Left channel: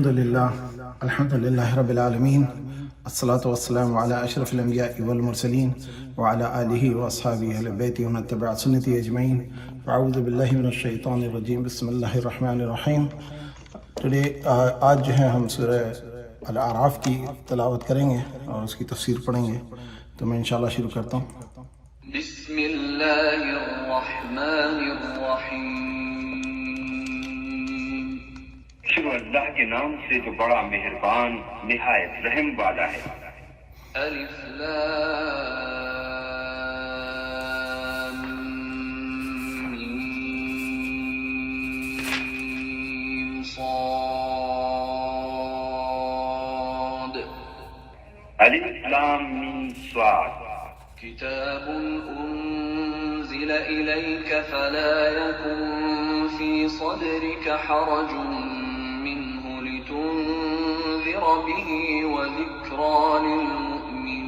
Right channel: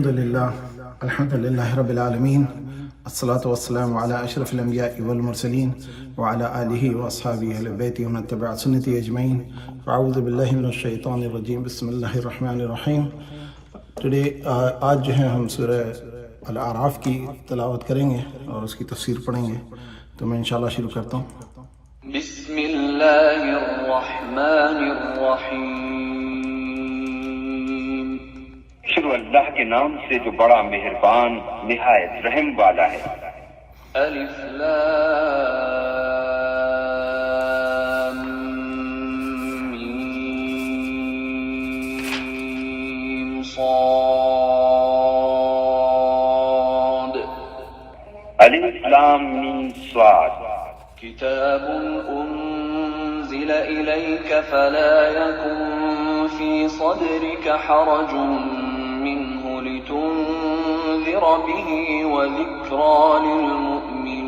الحمد لله رب العالمين، الصلاة والسلام على أشرف الأنبياء والمرسلين وعلى آله وأصحابه أهل بيته ومن تبع سنته أجمعين. أعوذ بالله من الشيطان الرجيم، بسم الله الرحمن الرحیم. آج جو ہے ہم سورہ الاعراف کی تلاوت کریں گے اور اس کی تفسیر پڑھیں گے. تو میں انشاءاللہ شروع کرتا ہوں. بسم اللہ الرحمن الرحیم. شروع اللہ کے نام سے جو بڑا مہربان نہایت رحم والا ہے. الف لام میم صاد. الف لام میم صاد. کتاب انزل الیک فلا یکن فی صدرک حرج منه لتنذر به وذکرى للمؤمنین.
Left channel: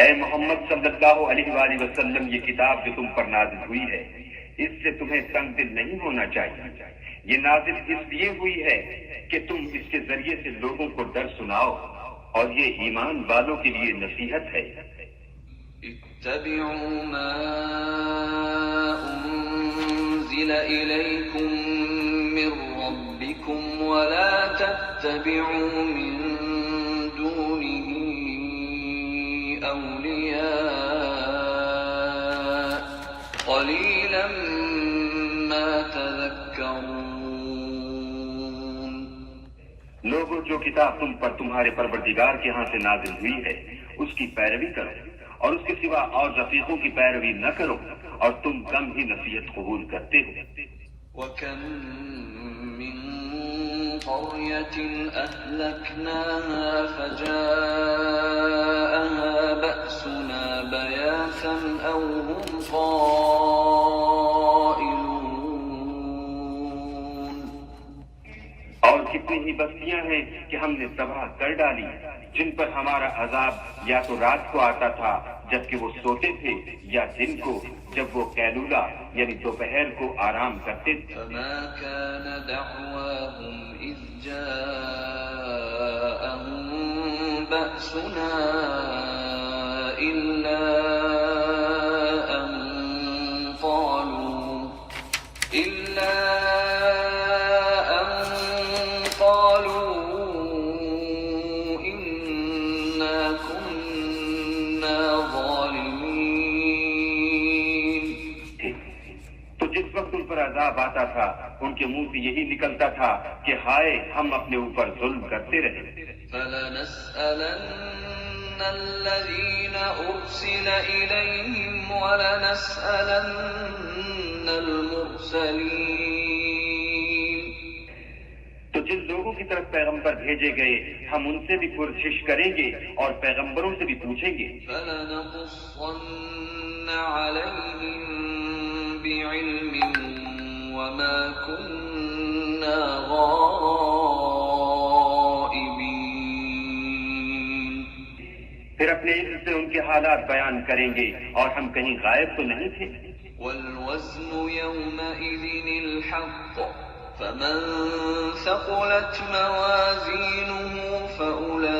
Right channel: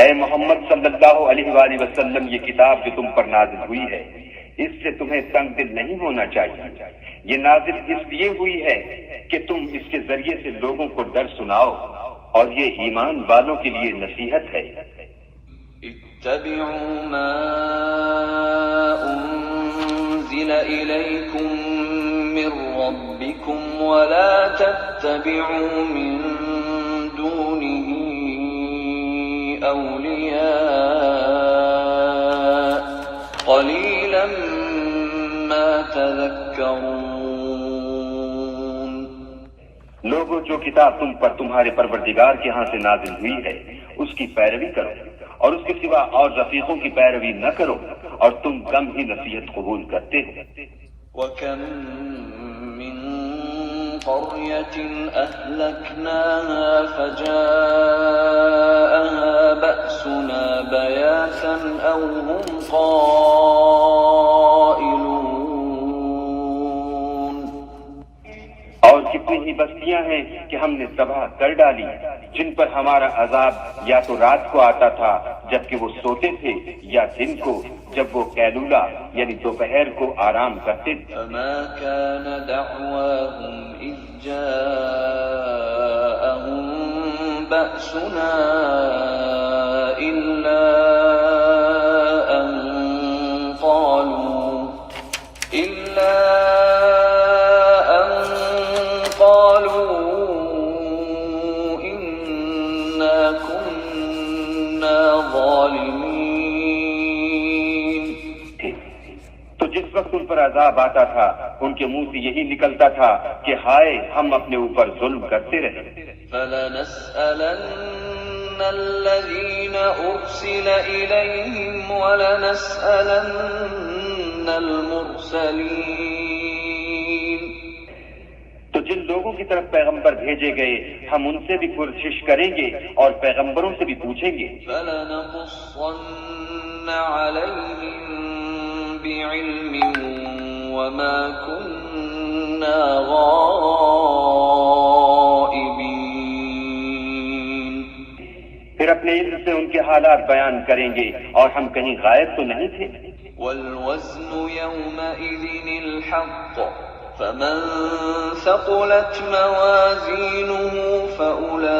اے محمد صلی اللہ علیہ وآلہ وسلم، یہ کتاب جو تم پر نازل ہوئی ہے اس سے تمہیں تنگ دل نہیں ہونا چاہیے. یہ نازل اس لیے ہوئی ہے کہ تم اس کے ذریعے سے لوگوں کو ڈر سناؤ، اور یہ ایمان والوں کے لیے نصیحت ہے. اتبعوا ما انزل الیکم من ربکم ولا تتبعوا من دونه اولیاء قلیلا ما تذکرون. لوگوں، جو کتاب تم پر تمہارے پروردگار کے ہاں سے نازل ہوئی ہے اس کی پیروی کرو، اور اس کے سوا اور رفیقوں کی پیروی نہ کرو، اور تم کم ہی نصیحت قبول کرتے ہو. وَكَمْ مِنْ قَرْيَةٍ أَهْلَكْنَاهَا فَجَاءَهَا بَأْسُنَا بَيَاتًا أَوْ هُمْ قَائِلُونَ. اور کتنی ہی بستیاں ہیں کہ ہم نے تباہ کر ڈالی جن پر ہمارا عذاب یا تو رات کو آتا تھا جبکہ وہ سوتے تھے، یا دن کو جب وہ قیلولہ یعنی دوپہر کو آرام کرتے تھے. فَمَا كَانَ دَعْوَاهُمْ إِذْ جَاءَهُمْ بَأْسُنَا إِلَّا أَن قَالُوا إِنَّا كُنَّا ظَالِمِينَ. تو جس وقت ان پر عذاب آتا تھا ان کے منہ سے یہی نکلتا تھا کہ ہائے ہم اپنے اوپر ظلم کرتے رہے. فَلَنَسْأَلَنَّ الَّذِينَ أُرْسِلَ إِلَيْهِمْ وَلَنَسْأَلَنَّ الْمُرْسَلِينَ. تو جن لوگوں کی طرف پیغمبر بھیجے گئے ہم ان سے بھی پرسش کریں گے اور پیغمبروں سے بھی پوچھیں گے. فَلَنَقُصَّنَّ عَلَيْهِمْ بِعِلْمٍ وَمَا كُنَّا غَائِبِينَ. پھر اپنے علم سے ان کے حالات بیان کریں گے اور ہم کہیں غائب تو نہیں تھے. وَالْوَزْنُ يَوْمَئِذٍ الْحَقُّ فَمَنْ ثَقُلَتْ مَوَازِينُهُ فَأُولَئِكَ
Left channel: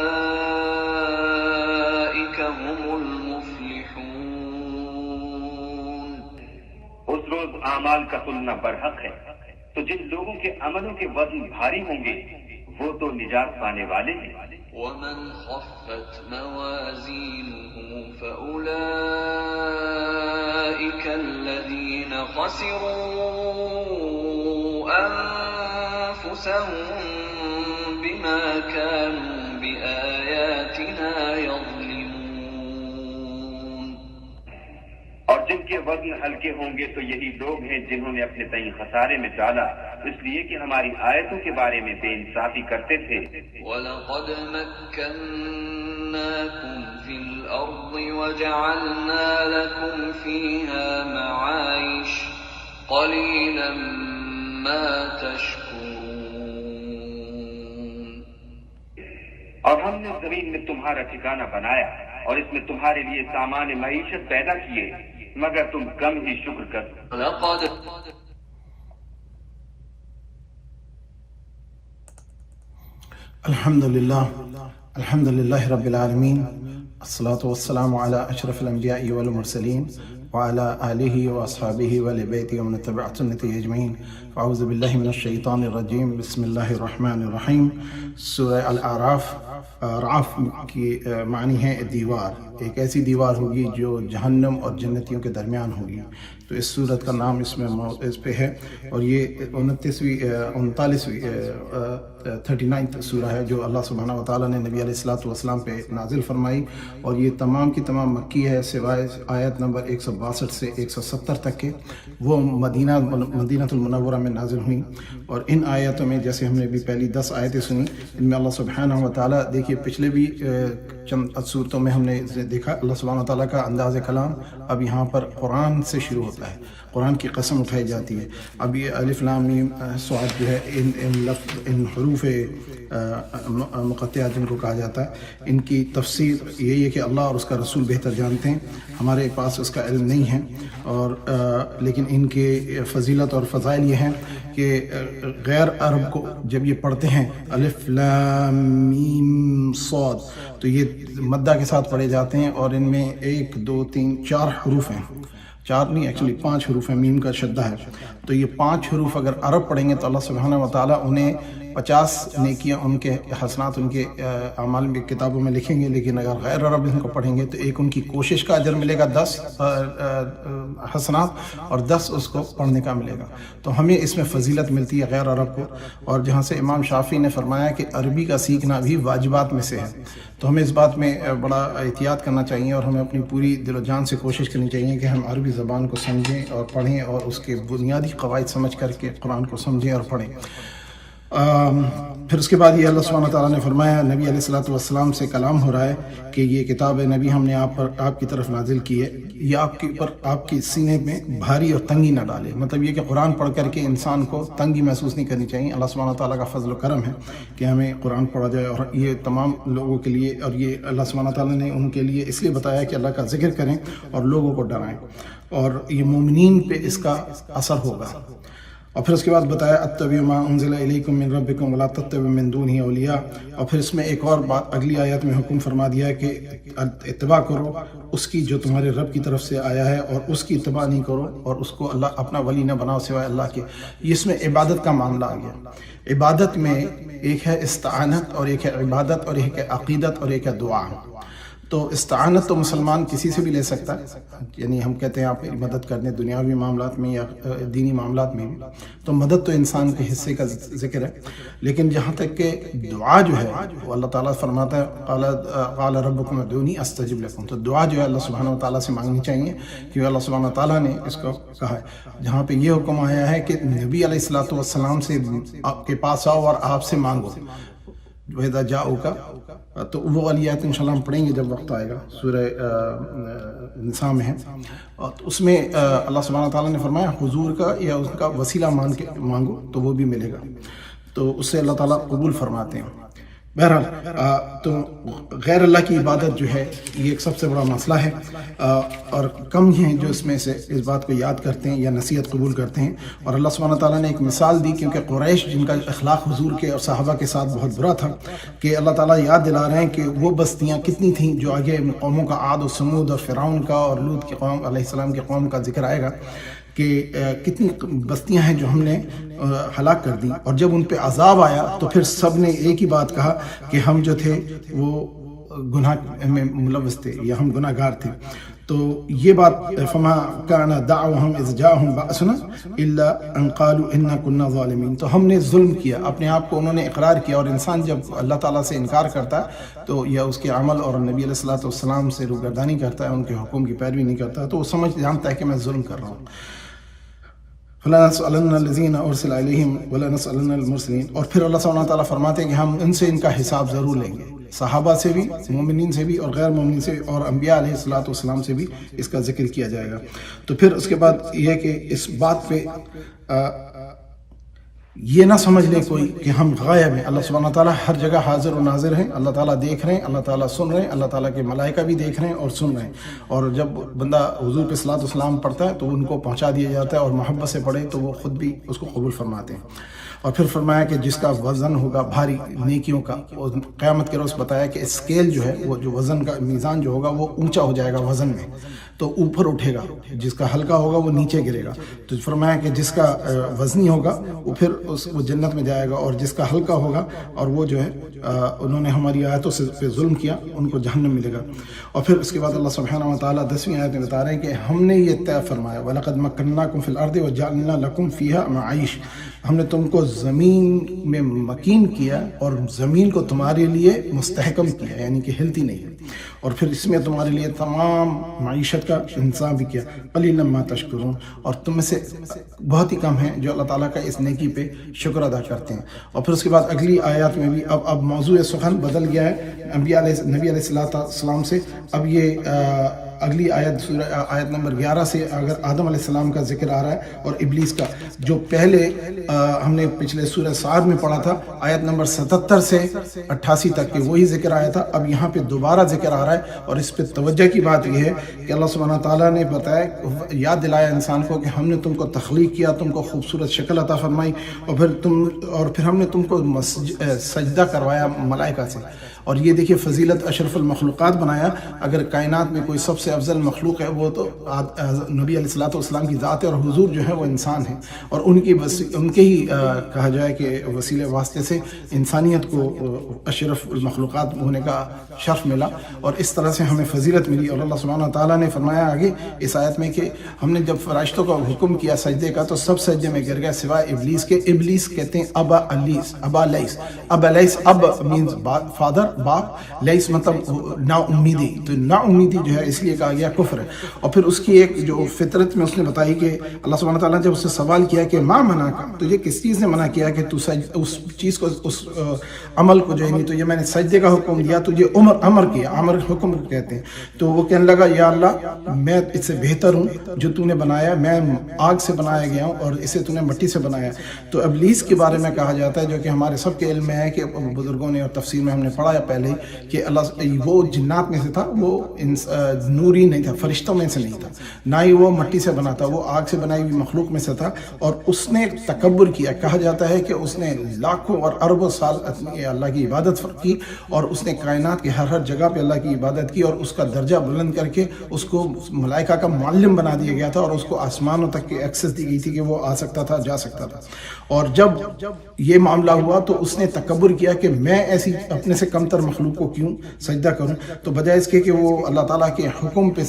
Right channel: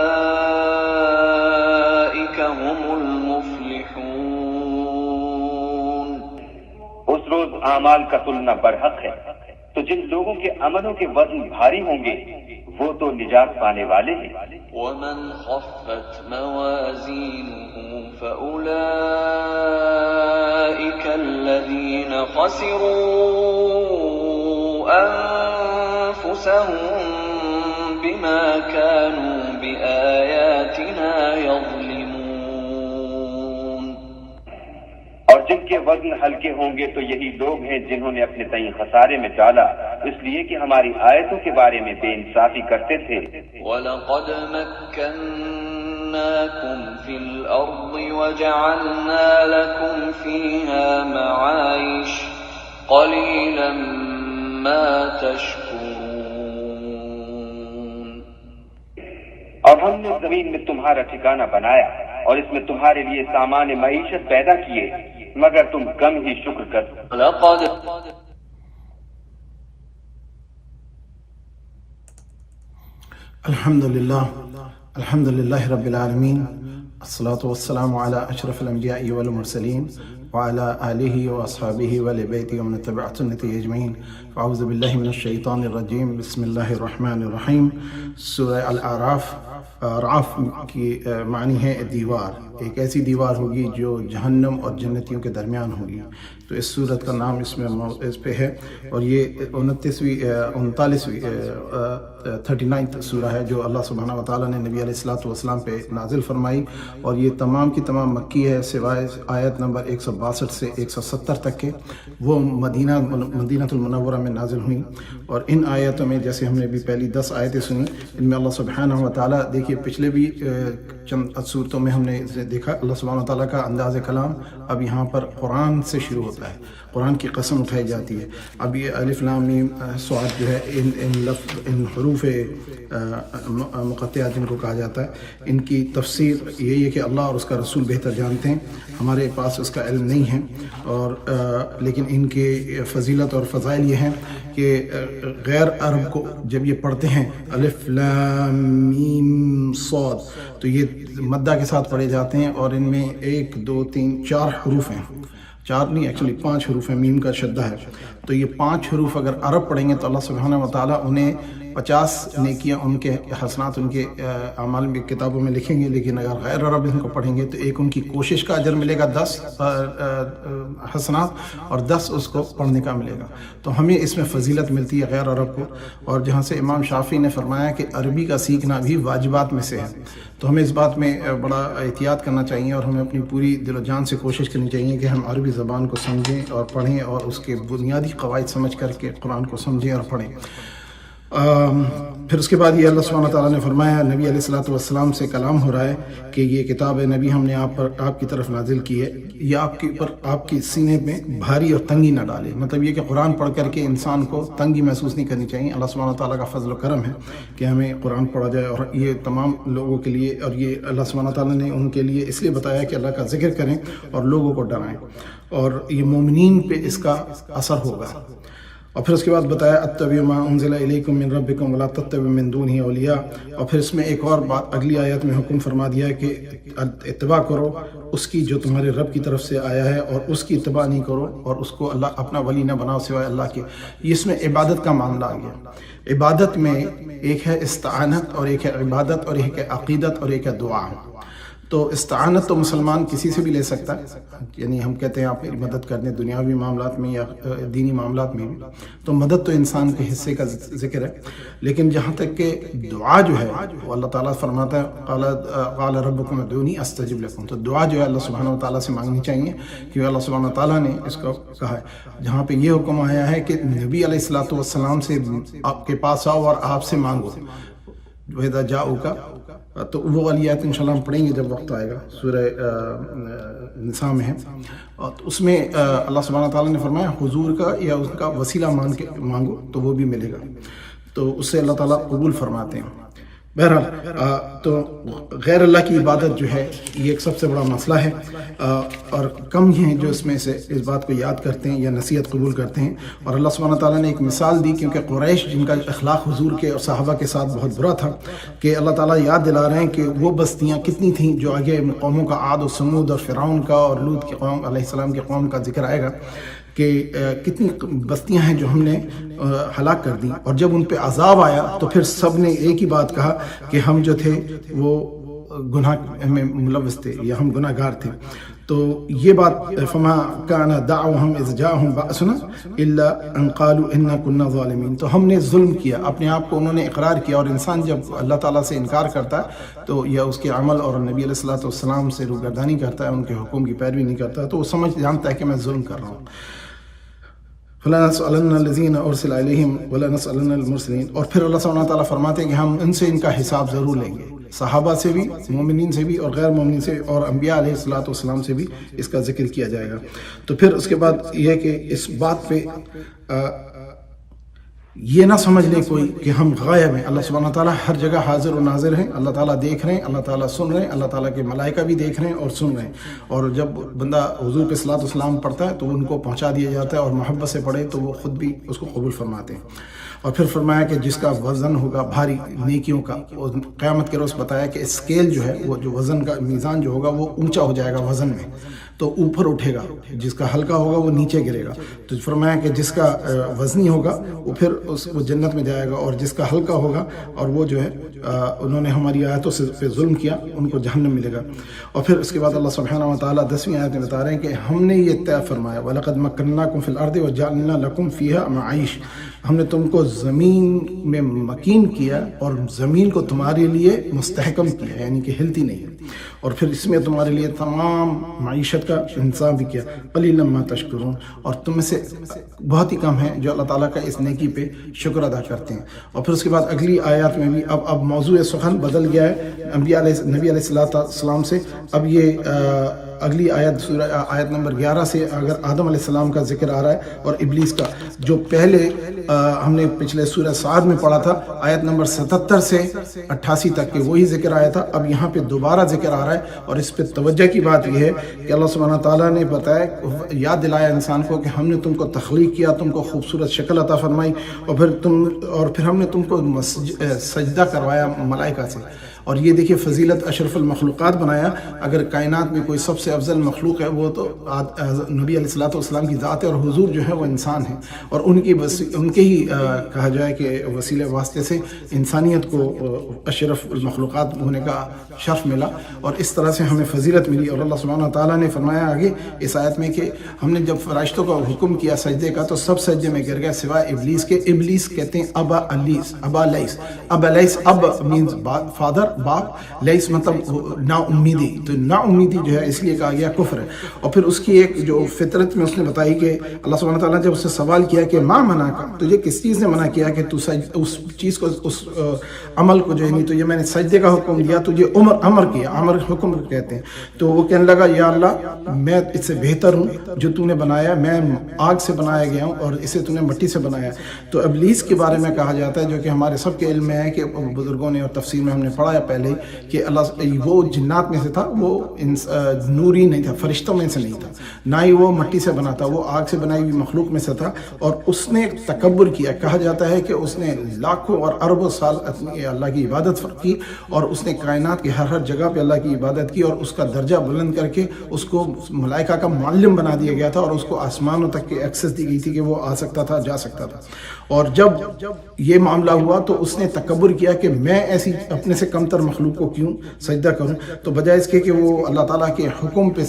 هُمُ الْمُفْلِحُونَ. اس روز اعمال کا تلنا برحق ہے، تو جن لوگوں کے عملوں کے وزن بھاری ہوں گے وہ تو نجات پانے والے ہیں. وَمَنْ خَفَّتْ مَوَازِينُهُ فَأُولَئِكَ الَّذِينَ خَسِرُوا أَنفُسَهُم بِمَا كَانُوا بِآيَاتِنَا يَظْلِمُونَ. اور جن کے وزن ہلکے ہوں گے تو یہی لوگ ہیں جنہوں نے اپنے تئیں خسارے میں ڈالا اس لیے کہ ہماری آیتوں کے بارے میں بے انصافی کرتے تھے. وَلَقَدْ مَكَّنَّاكُمْ فِي الْأَرْضِ وَجَعَلْنَا لَكُمْ فِيهَا مَعَايِشَ قَلِيلًا مَا تَشْكُرُونَ. اور ہم نے زمین میں تمہارا ٹھکانہ بنایا اور اس میں تمہارے لیے سامان معیشت پیدا کیے، مگر تم کم ہی شکر کرتے. الحمدللہ رب العالمین، الصلاۃ والسلام علی اشرف الانبیاء والمرسلین وعلی آلہ واصحابہ وآل بیتہ ومن تبع سنتہ اجمعین۔ اعوذ باللہ من الشیطان الرجیم، بسم اللہ الرحمن الرحیم۔ سورہ الاعراف، اعراف کی معنی ہے دیوار، ایک ایسی دیوار ہوگی جو جہنم اور جنتیوں کے درمیان ہوگی۔ تو اس سورت کا نام اس پہ ہے، اور یہ 39 سورہ ہے جو اللہ سبحانہ و تعالیٰ نے نبی علیہ الصلوۃ والسلام پہ نازل فرمائی، اور یہ تمام کی تمام مکی ہے سوائے آیت نمبر 162 سے 170 تک کے، وہ مدینہ المنورہ میں نازل ہوئیں۔ اور ان آیتوں میں جیسے ہم نے بھی پہلی 10 آیتیں سنی، ان میں اللہ سبحانہ و تعالیٰ، دیکھیے پچھلے بھی چند صورتوں میں ہم نے دیکھا اللہ سبحانہ و تعالیٰ کا انداز کلام اب یہاں پر قرآن سے شروع ہوتا ہے، قرآن کی قسم اٹھائی جاتی ہے۔ اب یہ الف لام میم صاد جو ہے، ان حروف مقطعات جن کو کہا جاتا ہے، ان کی تفسیر یہی ہے کہ اللہ اور اس کا رسول بہتر جانتے ہیں، ہمارے پاس اس کا علم نہیں ہے۔ اور لیکن ان کے فضیلت اور فضائل یہ ہیں کہ غیر عرب کو جب یہ پڑھتے ہیں الف لام میم صاد، تو یہ مدہ کے ساتھ پڑھے جاتے ہیں، اور ان میں 1 2 3 4 حروف ہیں، 4 نہیں ایکچولی 5 حروف ہیں، میم کا شدہ ہے۔ تو یہ 5 حروف اگر عرب پڑھیں گے تو اللہ سبحانہ و تعالیٰ انہیں 50 نیکیاں، ان کے حسنات ان کے اعمال میں کتابوں میں لکھیں گے۔ لیکن اگر غیر عرب ان کو پڑھیں گے تو ایک ان کی کوشش کا اجر ملے گا 10 حسنات، اور 10 اس کو پڑھنے کا ملے گا۔ تو ہمیں اس میں فضیلت ملتی ہے غیر عرب کو، اور جہاں سے امام شافعی نے فرمایا کہ عربی کا سیکھنا بھی واجبات میں سے ہے، تو ہمیں اس بات میں بڑا احتیاط کرنا چاہیے، اور ہمیں اپنی پوری دل و جان سے کوشش کرنی چاہیے کہ ہم عربی زبان کو سمجھیں اور پڑھیں، اور اس کے بنیادی قواعد سمجھ کر کے قرآن کو سمجھیں اور پڑھیں۔ پھر اس کے بعد یہ اللہ سبحانہ تعالیٰ نے فرمایا، نبی علیہ الصلوۃ والسلام سے کلام ہو رہا ہے کہ یہ کتاب نبی ہم نے آپ کی طرف نازل کی ہے، یہ آپ کے سینے میں بھاری اور تنگی نہ ڈالے۔ مطلب یہ کہ قرآن پڑھ کر کے انسان کو تنگی محسوس نہیں کرنی چاہیے۔ اللہ سبحانہ تعالیٰ کا فضل و کرم ہے کہ ہمیں قرآن پڑھا جائے، اور یہ تمام لوگوں کے لیے، اور یہ اللہ سبحانہ تعالیٰ نے ان کے لیے اس لیے بتایا کہ اللہ کا ذکر کریں اور لوگوں کو ڈرائیں، اور یہ مومنین پہ اس کا اثر ہوگا۔ اور پھر اس کے بعد بتایا اتبعوا ما انزل الیکم من ربکم ولا تتبعوا من دونہ اولیاء، اور پھر اس میں ایک اور بات اگلی آیت میں حکم فرما دیا کہ اتباع کرو اس کی جو تمہارے رب کی طرف سے آیا ہے، اور اس کی اتباع نہیں کرو اور اس کو اللہ اپنا ولی نہ بناؤ سوائے اللہ کے۔ اس میں عبادت کا معاملہ آ گیا۔ عبادت میں ایک ہے استعانت، اور ایک ہے عبادت، اور ایک ہے عقیدت، اور ایک ہے دعا۔ تو استعانت تو مسلمان کسی سے بھی لے سکتا ہے، یعنی ہم کہتے ہیں آپ میری مدد کر دیں دنیاوی معاملات میں یا دینی معاملات میں بھی، تو مدد تو انسان کے حصے کا ذکر ہے۔ لیکن جہاں تک کہ دعا جو ہے وہ اللہ تعالیٰ فرماتا ہے قال ربکم ادعونی استجب لکم، تو دعا جو ہے اللہ سبحانہ و تعالیٰ سے مانگنی چاہیے، کیونکہ اللہ سبحانہ و تعالیٰ نے اس کو کہا ہے۔ جہاں پہ یہ حکم آیا ہے کہ نبی علیہ الصلوۃ والسلام سے آپ کے پاس آؤ اور آپ سے مانگو، وَإِذَا جَاءُوكَ، تو وہ والی آیت انشاءاللہ ہم پڑھیں گے جب وقت آئے گا، سورہ نساء میں ہے۔ اور اس میں اللہ سبحانہ تعالیٰ نے فرمایا حضور کا یا اس کا وسیلہ مان کے مانگو تو وہ بھی ملے گا، تو اس سے اللہ تعالیٰ قبول فرماتے ہیں۔ بہرحال تو غیر اللہ کی عبادت جو ہے یہ ایک سب سے بڑا مسئلہ ہے، اور کم ہیں جو اس میں سے اس بات کو یاد کرتے ہیں یا نصیحت قبول کرتے ہیں۔ اور اللہ سبحانہ تعالیٰ نے ایک مثال دی، کیونکہ قریش جن کا اخلاق حضور کے اور صحابہ کے ساتھ بہت برا تھا، کہ اللہ تعالیٰ یاد دلا رہے ہیں کہ وہ بستیاں کتنی تھیں جو آگے قوموں کا عاد و سمود اور فرعون کا اور لوط کی قوم علیہ السلام کی قوم کا ذکر آئے گا، کہ کتنی بستیاں ہیں جو ہم نے ہلاک کر دیں، اور جب ان پہ عذاب آیا تو پھر سب نے ایک ہی بات کہا کہ ہم جو تھے وہ گناہ میں ملوث تھے یا ہم گناہ گار تھے۔ تو یہ بات فما کان دعوہم اذ جاءہم بأسنا الا ان قالوا انا كنا ظالمین، تو ہم نے ظلم کیا، اپنے آپ کو انہوں نے اقرار کیا۔ اور انسان جب اللہ تعالیٰ سے انکار کرتا ہے تو یا اس کے عمل اور نبی علیہ الصلوۃ والسلام سے روگردانی کرتا ہے، ان کے حکم کی پیروی نہیں کرتا، تو وہ جانتا ہے کہ میں ظلم کر رہا ہوں۔ فَلَنَسْأَلَنَّ الَّذِينَ أُرْسِلَ إِلَيْهِمْ وَلَنَسْأَلَنَّ الْمُرْسَلِينَ، اور پھر اللہ سبحانہ تعالیٰ فرماتے ہیں کہ ہم ان سے ان کا حساب ضرور لیں گے، صحابہ سے بھی، مومنین سے بھی اور غیر مومنین سے، اور انبیاء علیہ الصلوۃ والسلام سے بھی اس کا ذکر کیا جائے گا۔ تو پھر اس کے بعد یہ ہے کہ اس بات پہ یہ نہ سمجھ لیں کوئی کہ ہم غائب ہیں، اللہ سبحانہ تعالیٰ ہر جگہ حاضر و ناظر ہیں، اللہ تعالیٰ دیکھ رہے ہیں، اللہ تعالیٰ سن رہے ہیں، اللہ تعالیٰ کے ملائکہ بھی دیکھ رہے ہیں اور سن رہے ہیں، اور جب بندہ حضور پہ صلاۃ و سلام پڑھتا ہے تو ان کو پہنچا دیا جاتا ہے، اور محبت سے پڑھے تو وہ خود بھی اس کو قبول فرماتے ہیں۔ اور پھر فرمایا کہ جس کا وزن ہوگا بھاری نیکیوں کا، قیامت کے روز بتایا کہ اسکیل جو ہے وہ جو وزن کا میزان جو ہوگا وہ اونچا ہو جائے گا وزن میں، تو اوپر اٹھے گا، جس کا ہلکا ہوگا وہ نیچے گرے گا۔ تو فرمایا کہ جس کا وزنی ہوگا وہ پھر وہ جنت میں جائے گا، اور جس کا ہلکا ہوگا اور وہ جو ہے انہوں نے ہماری آیتوں سے پہ ظلم کیا ان کو جہنم ملے گا۔ اور پھر اس کے بعد اللہ سبحانہ و تعالیٰ 10ویں آیت میں بتا رہے ہیں کہ ہم نے یہ طے فرمایا وَلَقَدْ مَكَّنَّاكُمْ فِي الْأَرْضِ وَجَعَلْنَا لَكُمْ فِيهَا مَعَائِشَ، ہم نے تم کو زمین میں مکین کیا اور زمین کو تمہارے لیے مستحکم کیا، یعنی کہ ہلتی نہیں، اور پھر اس میں تمہارے لیے تمام معیشت کا انتظام بھی کیا۔ قلیلا ما تشکرون، اور تم میں سے بہت ہی کم ہیں جو اللہ تعالیٰ کا اس نیکی پہ شکر ادا کرتے ہیں۔ اور پھر اس کے بعد اگلی آیات میں بھی اب موضوع سخن بدل گیا ہے نبی علیہ السلام سے۔ اب یہ اگلی آیت نمبر 11 سے اگر آدم علیہ السلام کا ذکر آ رہا ہے اور ابلیس کا، جو پہلے ہم نے پچھلے سورہ صاد میں پڑھا تھا آیت نمبر 77 سے 88 تک کہ وہی ذکر آیا تھا، اب یہاں پہ دوبارہ ذکر آ رہا ہے۔ اور اس پہ توجہ کی بات یہ ہے کہ اللہ سبحانہ تعالیٰ نے بتایا، یاد دلایا انسان کو کہ ہم نے تم کو تخلیق کیا، تم کو خوبصورت شکل عطا فرمائی، اور پھر ہم نے تم کو سجدہ کروایا ملائکہ سے، اور یہ دیکھیے فضیلت اشرف المخلوقات بنایا۔ اگر کائنات میں کوئی سب سے افضل مخلوق ہے وہ تو نبی علیہ الصلوۃ والسلام کی ذات ہے، اور حضور جو ہے وہ انسان ہے، اور ان کے ہی کہا جائے کہ وسیلے واسطے سے انسانیت کو اشرف المخلوقات ہونے کا شرف ملا، اور اس طرح سے ہمیں فضیلت ملی۔ اور اللہ سبحانہ تعالیٰ نے فرمایا آگے اس آیت میں کہ ہم نے جب فرشتوں کا حکم کیا سجدے کا تو سب سجدے میں گر گئے سوائے ابلیس کے۔ ابلیس کہتے ہیں ابا لیس، اب مینز فادر، باپ، لیس مطلب نا امیدی، تو نا امیدی جو ہے اس لیے کہا گیا کفر ہے۔ اور پھر اس کی ایک جو فطرت میں اس نے بتائی کہ اللہ سبحانہ تعالیٰ نے جب اس سے سوال کیا کہ ماں منع کا، تو یہ کس چیز نے منع کیا کہ تو اس چیز کو، اس عمل کو جو ہے، نہیں تو یہ میں نے سجدے کا حکم دیا، تو یہ امر کیا، امر حکم کہتے ہیں۔ تو وہ کہنے لگا یا اللہ میں اس سے بہتر ہوں، جو تو نے بنایا، میں آگ سے بنایا گیا ہوں اور اسے تو نے مٹی سے بنایا۔ تو ابلیس کے بارے میں کہا جاتا ہے، جو کہ ہمارے سب کے علم میں ہے کہ بزرگوں نے اور تفسیر میں ہم نے پڑھا پہلے کہ اللہ وہ جنات میں سے تھا، وہ نوری نہیں تھا، فرشتوں میں سے نہیں تھا، نہ ہی وہ مٹی سے بنا تھا، وہ آگ سے بنائی ہوئی مخلوق میں سے تھا، اور اس نے تکبر کیا۔ کہا جاتا ہے کہ اس نے لاکھوں اور اربوں سال اللہ کی عبادت کی، اور اس نے کائنات کی ہر جگہ پہ اللہ کی عبادت کی، اور اس کا درجہ بلند کر کے اس کو ملائکہ کا معلم بنا دیا گیا تھا، اور اس کو آسمانوں تک کی ایکسس دی گئی تھی کہ وہ آ سکتا تھا، جا سکتا تھا۔ اور جب یہ معاملہ ہوا تو اس نے تکبر کیا کہ میں ایسی اپنے سے کمتر مخلوق کو کیوں سجدہ کروں، تو بجائے اس کے کہ وہ اللہ تعالیٰ کے حکم پہ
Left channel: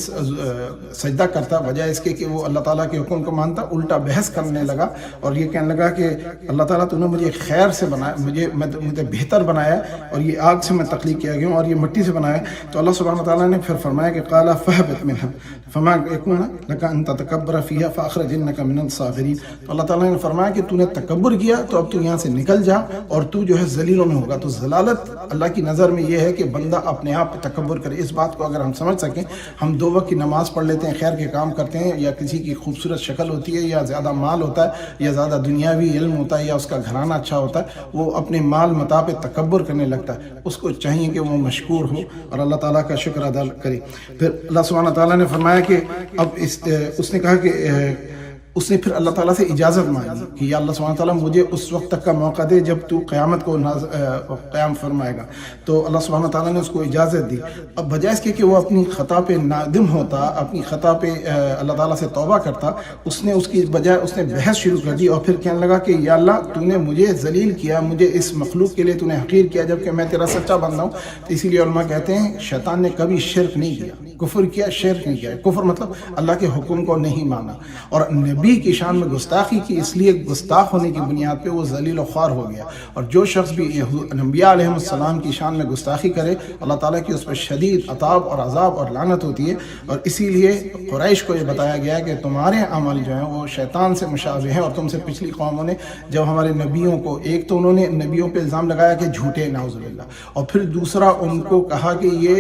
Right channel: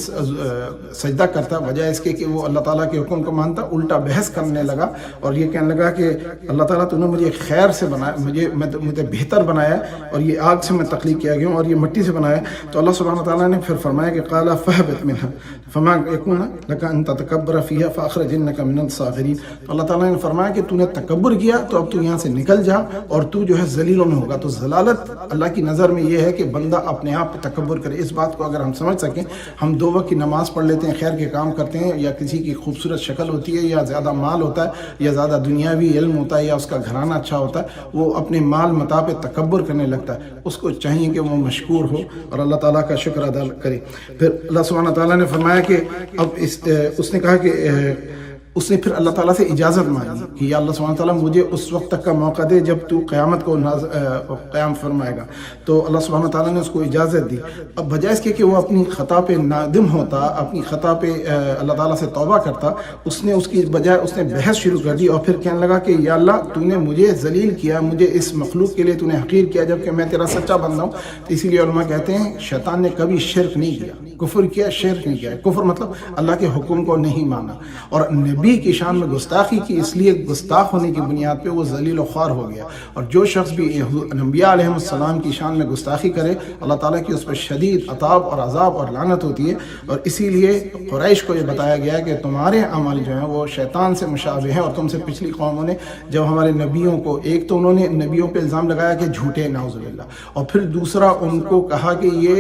سجدہ کرتا، بجائے اس کے کہ وہ اللہ تعالیٰ کے حکم کو مانتا، الٹا بحث کرنے لگا، اور یہ کہنے لگا کہ اللہ تعالیٰ تو نے مجھے خیر سے بنایا، مجھے بہتر بنایا، اور یہ آگ سے میں تخلیق کیا گیا ہوں اور یہ مٹی سے بنایا۔ تو اللہ سبحانہ تعالیٰ نے پھر فرمایا کہ قال فاهبط منها فما يكون لك ان تتكبر فيها فاخرجنك من الصاغرين۔ تو اللہ تعالیٰ نے فرمایا کہ تو نے تکبر کیا تو اب تو یہاں سے نکل جا، اور تو جو ہے ذلیلوں میں ہوگا۔ تو ذلالت اللہ کی نظر میں یہ ہے کہ بندہ اپنے آپ پہ تکبر کرے۔ اس بات کو اگر ہم سمجھ سکیں، ہم 2 وقت کی نماز پڑھ لیتے ہیں، خیر کے کام کرتے ہیں، یا کسی کی خوبصورت شکل ہوتی ہے، یا زیادہ مال ہوتا ہے، یا زیادہ دنیاوی علم ہوتا ہے، یا اس کا گھرانہ اچھا ہوتا ہے، وہ اپنے مال متاع پہ تکبر کرنے لگتا ہے۔ اس کو چاہیے کہ وہ مشکور ہو اور اللہ تعالیٰ کا شکر ادا کرے۔ پھر اللہ سبحانہ تعالیٰ نے فرمایا کہ اب اس نے کہا کہ اس نے پھر اللہ تعالیٰ سے اجازت مانگی کہ یا اللہ سبحانہ تعالیٰ مجھے اس وقت تک کا موقع دے جب تو قیامت کو قیام فرمائے گا۔ تو اللہ سبحانہ تعالیٰ نے اس کو اجازت دی۔ اب بجائے اس کے کہ وہ اپنی خطا پہ نادم ہوتا، اپنی خطا پہ اللہ تعالیٰ سے توبہ کرتا، اس نے اس کی بجائے اس نے بحث شروع کر دی، اور پھر کہنے لگا کہ یا اللہ تو نے مجھے ذلیل کیا، مجھے اس مخلوق کے لیے تو نے حقیر کیا، جبکہ میں تیرا سچا بندہ ہوں۔ تو اسی لیے علماء کہتے ہیں شیطان نے کبھی شرک نہیں کیا، کفر کیا، شرک نہیں کیا۔ کفر مطلب اللہ کے حکم کو نہیں مانا، اور نبی کی شان میں گستاخی کی، اس لیے گستاخ ہونے کی بنیاد پہ وہ ذلیل و خوار ہو گیا۔ اور جو شخص بھی انبیاء علیہ السلام کی شان میں گستاخی کرے، اللہ تعالیٰ کی اس پر شدید عذاب اور عذاب اور لعنت ہوتی ہے۔ اور اسی لیے قریش کو یہ بتایا گیا کہ تمہارے عمل جو ہیں وہ شیطان سے مشابہ ہیں، اور تم سے پچھلی قوموں نے جب ہمارے نبیوں کو، ایک تو انہوں نے نبیوں پہ الزام لگایا کہ جھوٹے نعوذ باللہ، اور پھر دوسرا ان کو کہا کہ یہ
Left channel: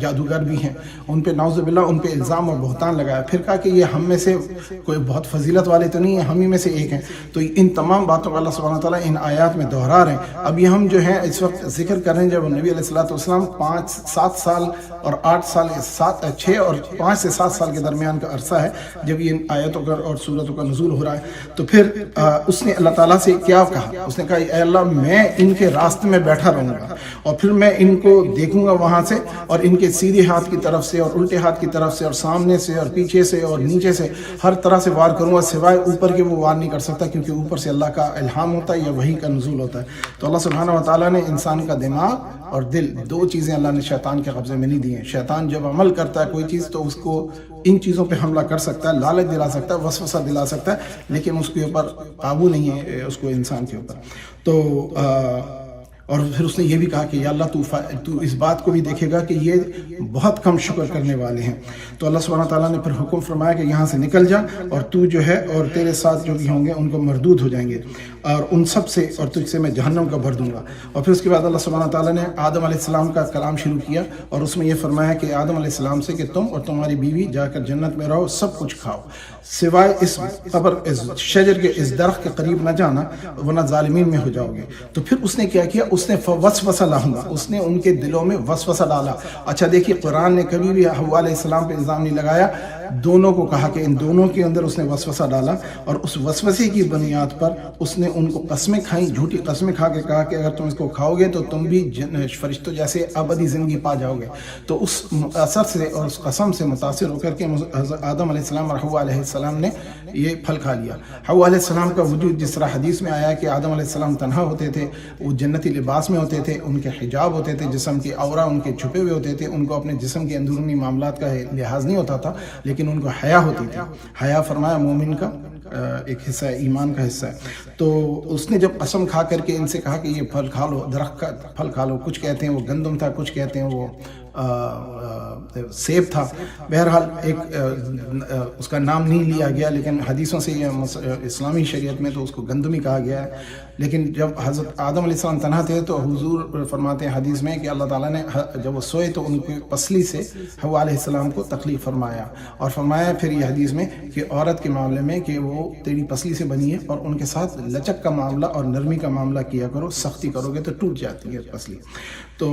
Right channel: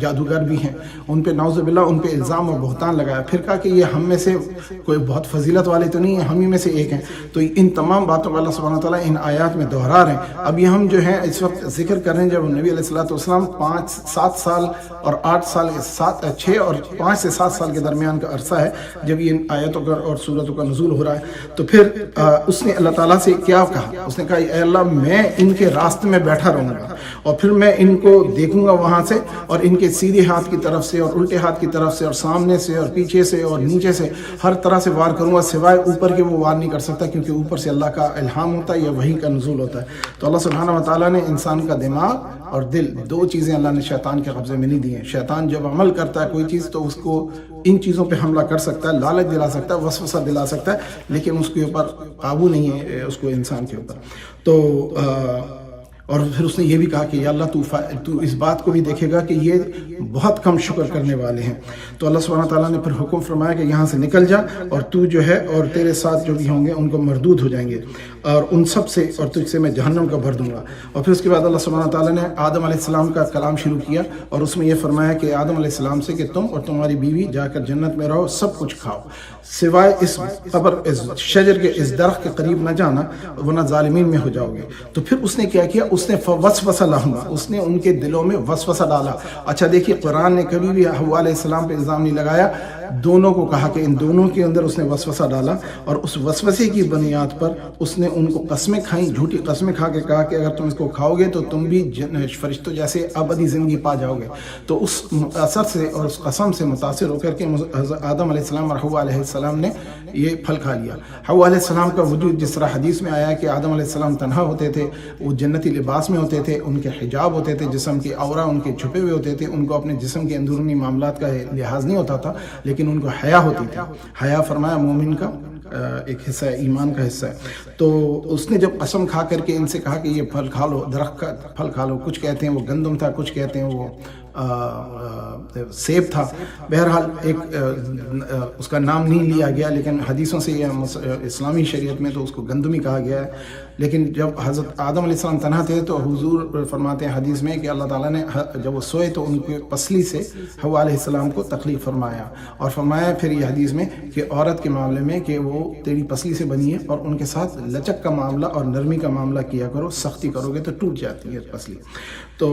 جادوگر بھی ہیں، ان پہ نعوذ باللہ ان پہ الزام اور بہتان لگایا، پھر کہا کہ یہ ہم میں سے کوئی کوئی بہت فضیلت والے تو نہیں ہیں، ہم ہی میں سے ایک ہیں. تو ان تمام باتوں کو اللہ سبحانہ تعالیٰ ان آیات میں دہرا رہے ہیں. اب یہ ہم جو ہیں اس وقت ذکر کر رہے ہیں جب نبی علیہ الصلوۃ والسلام 7 سال اور 8 سال 6 اور 5 سے 7 سال کے درمیان کا عرصہ ہے جب یہ آیتوں کا اور سورتوں کا نزول ہو رہا ہے. تو پھر اس نے اللہ تعالیٰ سے کیا کہا؟ اس نے کہا اے اللہ میں ان کے راستے میں بیٹھا رہوں گا اور پھر میں ان کو دیکھوں گا وہاں سے، اور ان کے سیدھے ہاتھ کی طرف سے اور الٹے ہاتھ کی طرف سے اور سامنے سے اور پیچھے سے اور نیچے سے ہر طرح سے وار کروں گا، سوائے اوپر کے وہ وار نہیں کر سکتا کیونکہ اوپر سے اللہ کا الہام ہوتا ہے یا وحی کا نزول ہوتا ہے. تو اللہ سبحانہ و تعالیٰ نے انسان کا دماغ اور دل، 2 چیزیں اللہ نے شیطان کے قبضے میں نہیں دی ہیں. شیطان جب عمل کرتا ہے کوئی چیز تو اس کو ان چیزوں پہ حملہ کر سکتا ہے، لالچ دلا سکتا ہے، وسوسہ دلا سکتا ہے، لیکن اس کے اوپر قابو نہیں ہے اس کو انسان کے اوپر. تو اور پھر اس نے یہ بھی کہا کہ یا اللہ تو اس بات کو بھی دیکھے گا کہ یہ بہت کم شکر کرنے والے ہیں. تو اللہ سبحانہ تعالیٰ نے پھر حکم فرمایا کہ یہاں سے نکل جا اور تو جو ہے اور تیرے ساتھ جو بھی ہوں گے ان کو مردود ہو جائیں گے اور ان سب سے اور تجھ سے میں جہنم کا بھر دوں گا. اور پھر اس کے بعد اللہ سبحانہ تعالیٰ نے آدم علیہ السلام کا کلام شروع کیا اور اس میں یہ فرمایا کہ آدم علیہ السلام سے کہ تم اور تمہاری بیوی جا کر جنت میں رہو، سب کچھ کھاؤ، سوائے اس شجر کے اس درخت کے قریب نہ جانا ورنہ ظالمین میں ہو جاؤ گے. تو پھر اس نے کیا کیا؟ اس نے وسوسہ لہما، اس نے ان کے دلوں میں وسوسہ ڈالا. اچھا دیکھیے قرآن نے کبھی بھی حوا علیہ السلام پہ الزام نہیں لگایا، دونوں کو کہا کہ ان دونوں کے اندر اس نے وسوسہ ڈالا، اور اس وسوسے کی بنیاد پر اس نے ان کو قسمیں کھائیں، جھوٹی قسمیں کھا کے کہا کہ اگر تم اس کو کھاؤ گے تو تم بھی فرشتوں جیسے ابدی زندگی پا جاؤ گے. تو اس اثر سے اور اس قسم سے متاثر ہو کر کے آدم علیہ السلام اور حوا علیہ السلام نے یہ پھل کھا لیا. حوا علیہ السلام کا وجود جس طرح حدیث میں آیا کہ آدم علیہ السلام تنہا ہوتے تھے، وہ جنتی لباس میں ہوتے تھے، ان کے حجاب ہوتے تھے، جسم کی عورہ ان کے چھپے ہوئے ہوتے تھے، ان کو اپنے جسم کے اندرونی معاملات کا لحاظ نہیں ہوتا تھا، لیکن ان کو حیا ہوتی تھی. حیا فرمایا مومن کا ایک حصہ ہے، ایمان کا حصہ ہے. تو اس نے جب قسم کھا کر کے ان سے کہا کہ یہ پھل کھا لو، درخت کا پھل کھا لو، کچھ کہتے ہیں وہ گندم تھا، کچھ کہتے ہیں وہ سیب تھا، بہرحال ایک اس کا نام نہیں لیا گیا، لیکن حدیثوں سے یہ اسلامی شریعت میں تو اس کو گندمی کہا گیا ہے. لیکن جب حضرت آدم علیہ السلام تنہا تھے تو حضور فرماتے ہیں حدیث میں کہ اللہ تعالیٰ نے جب وہ سوئے تو ان کی پسلی سے حوا علیہ السلام کو تخلیق فرمایا، اور فرمایا پھر یہ حدیث میں کہ عورت کے معاملے میں کہ وہ تیری پسلی سے بنی ہے اور ان کے ساتھ لچک کا معاملہ اور نرمی کا معاملہ کیا کرو، سختی کرو گے تو ٹوٹ جاتی ہے پسلی. تو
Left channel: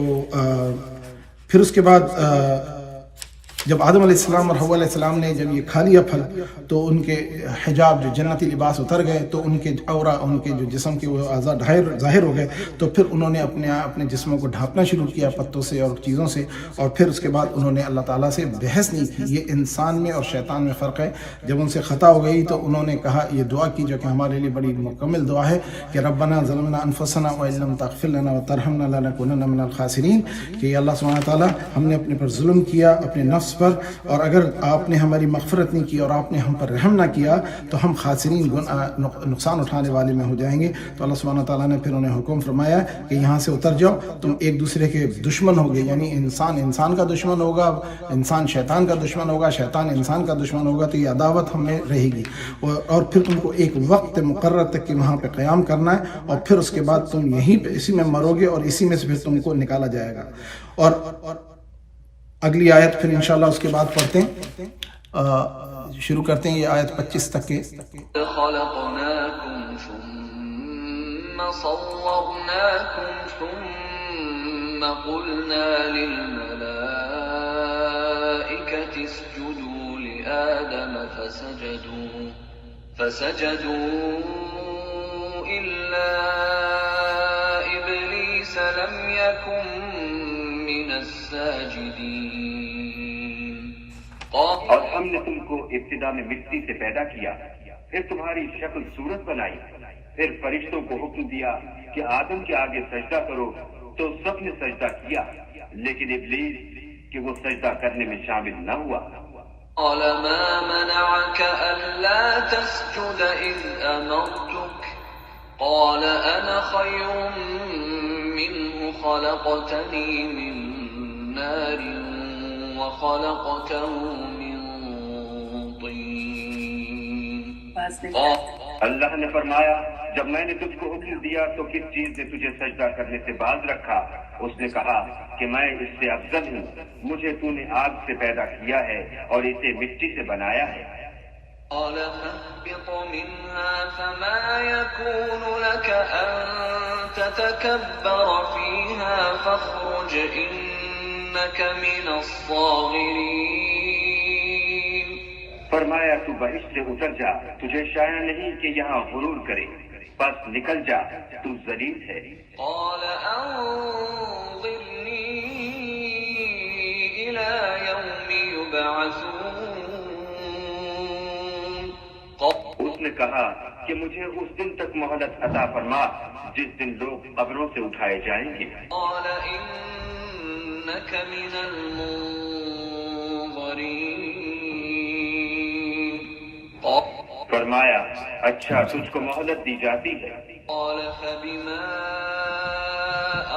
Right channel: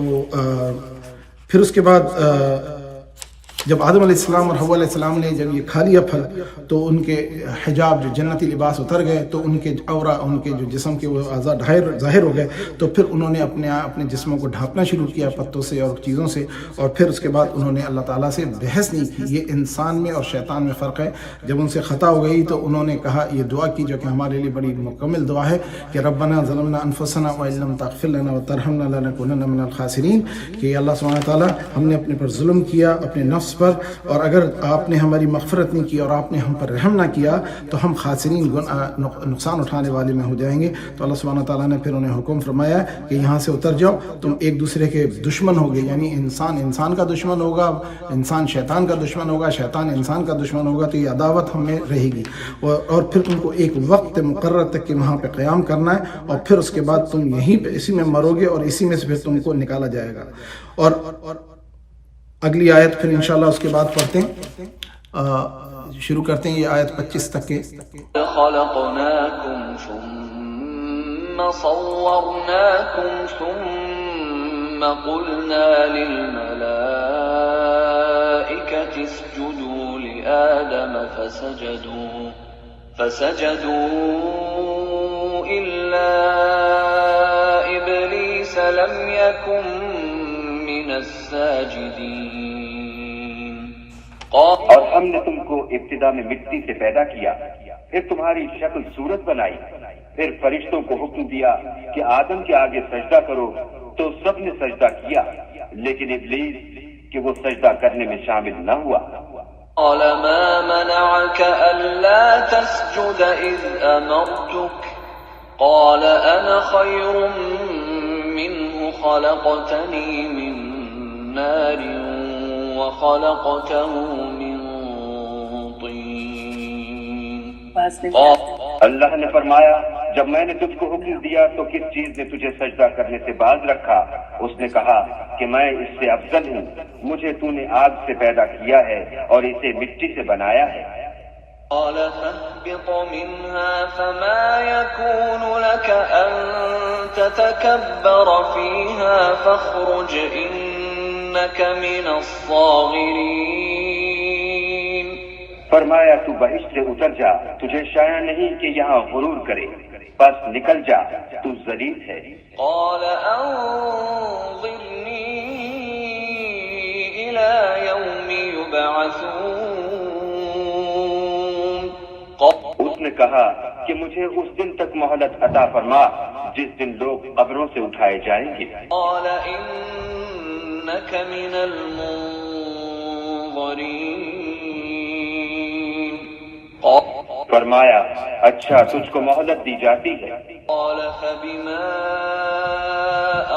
پھر اس کے بعد جب آدم علیہ السلام اور حوا علیہ السلام نے جب یہ کھا لیا پھل تو ان کے حجاب جو جنتی لباس اتر گئے، تو ان کے عورہ، ان کے جو جسم کے وہ اعضاء ظاہر ہو گئے. تو پھر انہوں نے اپنے جسموں کو ڈھانپنا شروع کیا پتوں سے اور چیزوں سے، اور پھر اس کے بعد انہوں نے اللہ تعالیٰ سے بحث نہیں کی. یہ انسان میں اور شیطان میں فرق ہے. جب ان سے خطا ہو گئی تو انہوں نے کہا، یہ دعا کی جو کہ ہمارے لیے بڑی مکمل دعا ہے کہ ربنا ظلمنا انفسنا وان لم تغفر لنا وترحمنا لنکونن من الخاسرین، کہ اللہ سبحانہ تعالیٰ ہم نے اپنے پر ظلم کیا، اپنے نفس پر، اور اگر آپ نے ہماری مغفرت نہیں کی اور آپ نے ہم پر رحم نہ کیا تو ہم خاسرین، نقصان اٹھانے والے میں ہو جائیں گے. تو اللہ سبحانہ تعالیٰ نے پھر انہیں حکم فرمایا کہ یہاں سے اتر جاؤ، تم ایک دوسرے کے دشمن ہوگے، یعنی انسان کا دشمن ہوگا، انسان شیطان کا دشمن ہوگا، شیطان انسان کا دشمن ہوگا. تو یہ عداوت ہمیں رہے گی، اور پھر تم کو ایک وقت مقرر تک کہ وہاں پہ قیام کرنا ہے، اور پھر اس کے بعد تم یہیں پہ اسی میں مرو گے اور اسی میں سے پھر تم کو نکالا جائے گا. اور اگلی آیت پھر انشاءاللہ اس کے بعد پڑھتے ہیں، شروع کرتے ہیں یہ آیت 25 تک کے. خلقناكم ثم صورناكم ثم قلنا للملائكة اسجدوا لآدم فسجدوا إلا إبليس لم يكن من الساجدين. اور ہم نے تم کو ابتدا میں مٹی سے پیدا کیا، پھر تمہاری شکل صورت بنائی، پھر فرشتوں کو حکم دیا کہ آدم کے آگے سجدہ کرو، تو سب نے سجدہ کیا، لیکن ابلیس کہ وہ سجدہ کرنے میں شامل نہ ہوا. قال ما منعك ألا تسجد إذ أمرتك قال أنا خير منه خلقتني من نار وخلقته من طين. اللہ نے فرمایا، جب میں نے تجھ کو حکم دیا تو کس چیز نے تجھے سجدہ کرنے سے باز رکھا؟ اس نے کہا کہ میں اس سے افضل ہوں، مجھے تو نے آگ سے پیدا کیا ہے اور اسے مٹی سے بنایا ہے. قال فاهبط منها فما يكون لك أن تتكبر فيها فاخرج إنك من الصاغرين. فرمایا تو بہشت سے اتر جا، تجھے شایع نہیں کہ یہاں غرور کرے، بس نکل جا، تو ذلیل ہے. قال أنظرني إلى يوم يبعثون. اس نے کہا کہ مجھے اس دن تک مہلت عطا فرما جس دن لوگ قبروں سے اٹھائے جائیں گے. قال إنك من المنظرين. فرمایا اچھا تجھ کو مہلت دی جاتی ہے. قال فبما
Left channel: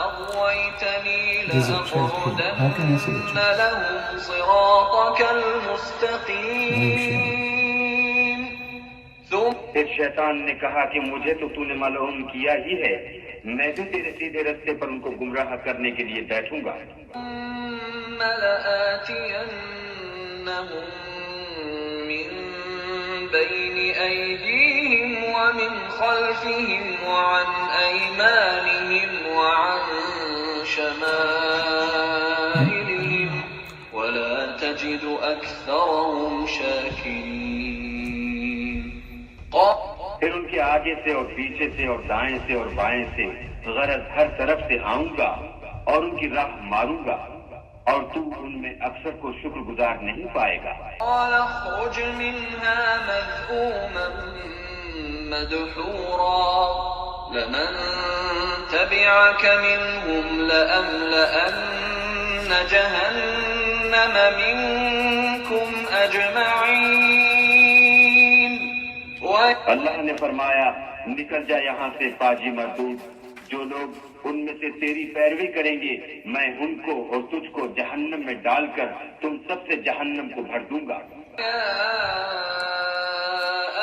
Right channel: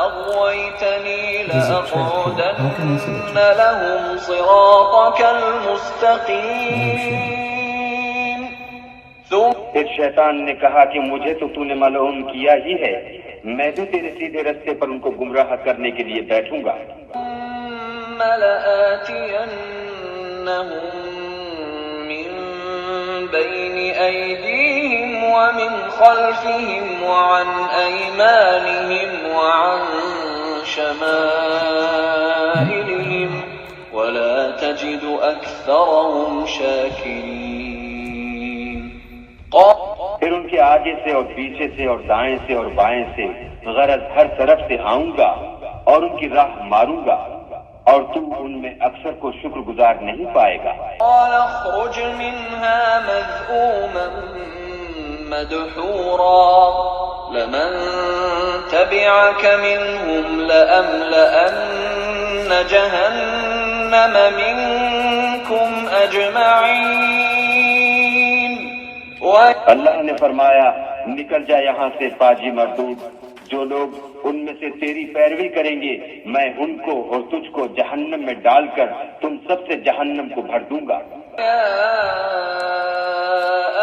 أغويتني لأقعدن لهم صراطك المستقيم. پھر شیطان نے کہا کہ مجھے تو نے ملعون کیا ہی ہے، میں بھی تیرے سیدھے رستے پر ان کو گمراہ کرنے کے لیے بیٹھوں گا. ثم لآتينهم من بين أيديهم ومن خلفهم وعن أيمانهم وعن شمائلهم ولا تجد أكثرهم شاكرين. پھر ان کے آگے سے اور پیچھے سے اور دائیں سے اور بائیں سے، غرض ہر طرف سے آؤں گا اور ان کی راہ ماروں گا، اور تو ان میں اکثر کو شکر گزار نہیں پائے گا. قال اخرج منها مذءوما مدحورا لمن تبعك منهم لأملأن جهنم منكم أجمعين. اللہ نے فرمایا نکل جا یہاں سے پاجی مردود، جو لوگ ان میں سے تیری پیروی کریں گے میں ان کو اور تجھ کو جہنم میں ڈال کر تم سب سے جہنم کو بھر دوں گا. يا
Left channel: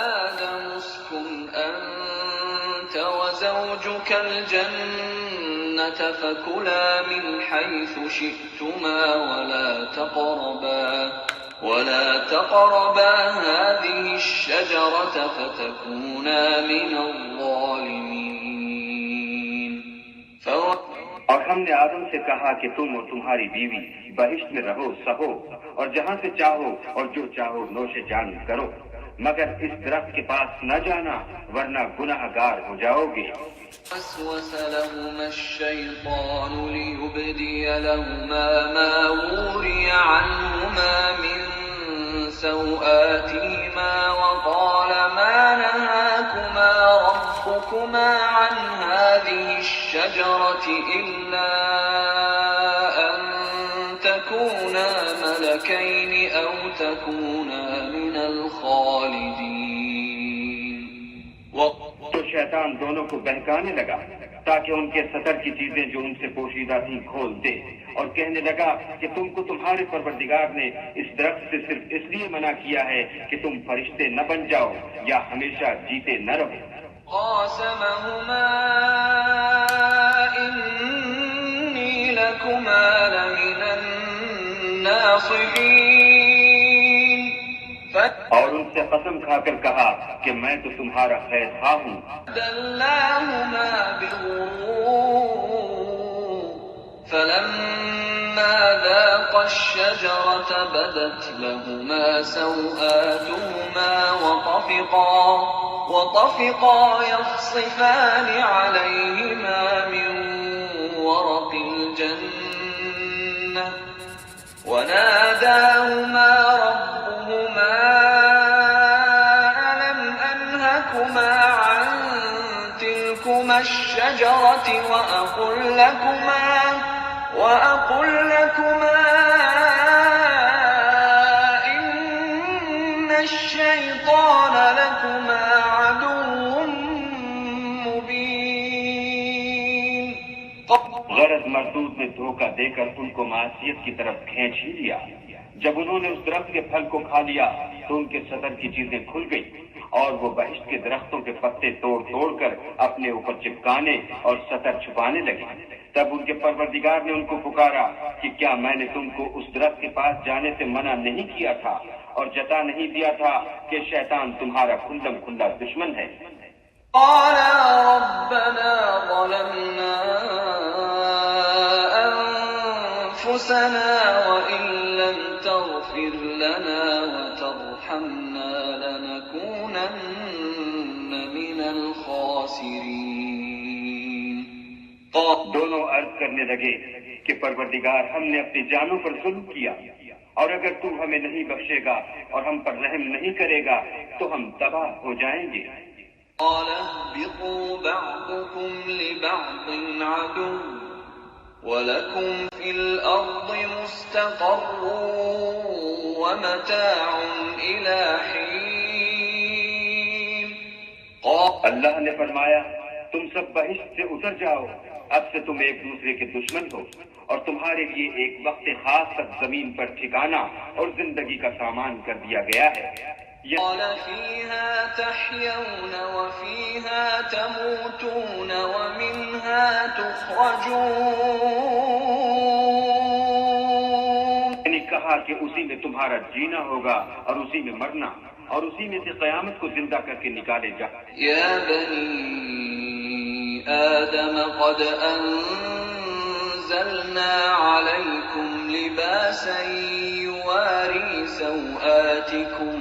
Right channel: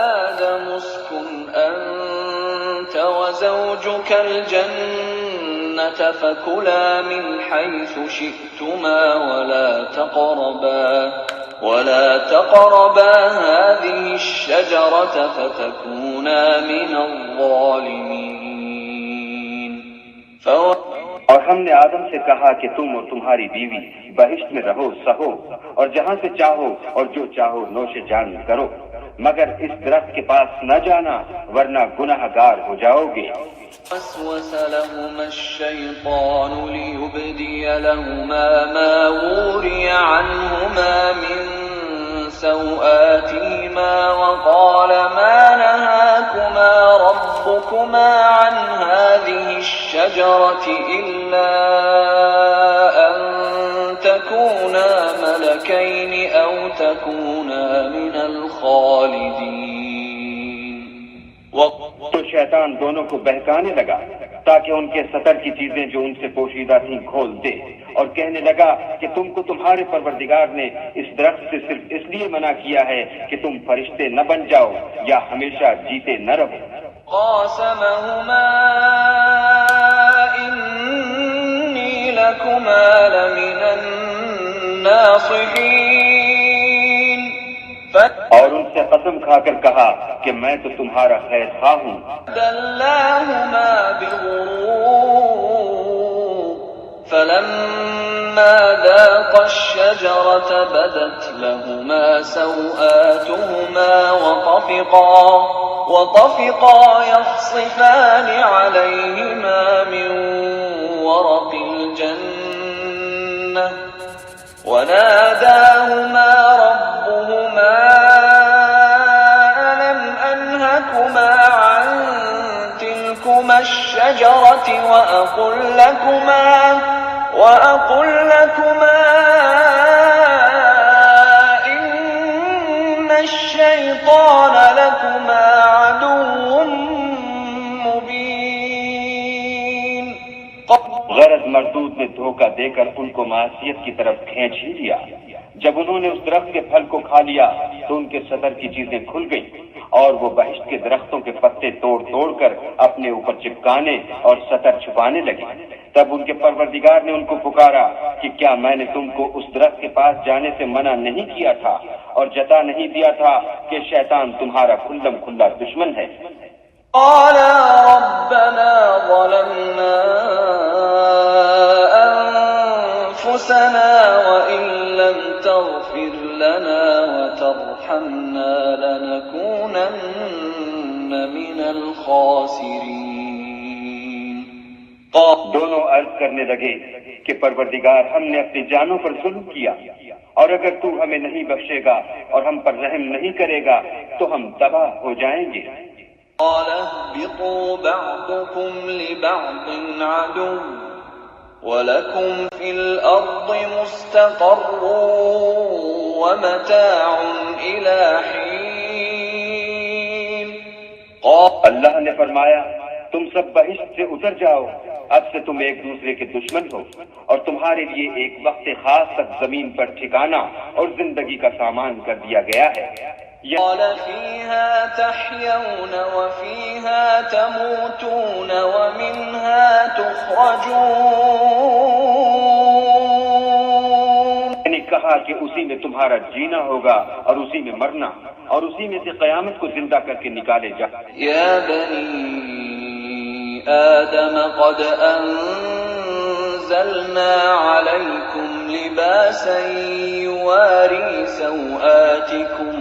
آدم اسكن أنت وزوجك الجنة فكلا من حيث شئتما ولا تقربا هذه الشجرة فتكونا من الظالمين. اور ہم نے آدم سے کہا کہ تم اور تمہاری بیوی بہشت میں رہو سہو، اور جہاں سے چاہو اور جو چاہو نوش جان کرو، مگر اس درخت کے پاس نہ جانا ورنہ گناہ گار ہو جاؤ گے. وسوس لهما الشيطان ليبدي لهما ما وري عنهما من سوآتهما وقال ما نهاكما ربكما عن هذه الشجرة إلا أن تكونا ملكين أو تكونا من الخالدين. تو شیطان دونوں کو بہکانے لگا تاکہ ان کے سطر کی چیزیں جو ان سے پوشیدہ تھیں کھول دے، اور کہنے لگا کہ تم کو تمہارے پروردگار نے اس درخت سے صرف اس لیے منع کیا ہے کہ تم فرشتے نہ بن جاؤ یا ہمیشہ جیتے نہ رہو. قاسمهما إني لكما لمن الناصحين. اور ان سے قسم کھا کر کہا کہ میں تو تمہارا خیر خواہ ہوں. دلاهما بغرور فلما ذاقا الشجرة بدت لهما سوآتهما وطفقا يخصفان عليهما من ورق الجنة وناداهما ربهما ألم أنهكما عن تلكما الشجرة وأقل لكما إن الشيطان لكما عدو مبين. غرض مردود نے دھوکہ دے کر ان کو معصیت کی طرف کھینچ ہی لیا. جب انہوں نے اس درخت کے پھل کو کھا لیا تو ان کے صدر کی چیزیں کھل گئیں اور وہ بہشت کے درختوں کے پتے توڑ توڑ کر اپنے اوپر چپکانے اور سطر چھپانے لگے. تب ان کے پروردگار نے ان کو پکارا کہ کیا میں نے تم کو اس درخت کے پاس جانے سے منع نہیں کیا تھا اور جتا نہیں دیا تھا کہ شیطان تمہارا کھلم کھلا دشمن ہے؟ قالا ربنا ظلمنا أنفسنا وإن لم تغفر لنا وترحمنا لنكونن من الخاسرين. دونوں عرض کرنے لگے کہ پروردگار ہم نے اپنی جانوں پر ظلم کیا اور اگر تو ہمیں نہیں بخشے گا اور ہم پر رحم نہیں کرے گا تو ہم تباہ ہو جائیں گے. قال اهبطوا بعضكم لبعض عدو وَلَكُمْ فِي الْأَرْضِ مُسْتَقَرٌّ وَمَتَاعٌ إِلَى حِينٍ. اللہ نے فرمایا تم سب بہشت سے اتر جاؤ، اب سے تم ایک دوسرے کے دشمن ہو اور تمہارے لیے ایک وقت خاص تک زمین پر ٹھکانہ اور زندگی کا سامان کر دیا گیا ہے. قال فيها تحيون وفيها تموتون ومنها تخرجون. میں نے کہا کہ اسی میں تمہارا جینا ہوگا اور اسی میں مرنا اور اسی میں سے قیامت کو زندہ کر کے نکالے جا. يا بني آدم قد أنزلنا عليكم لباسا يواري سوآتكم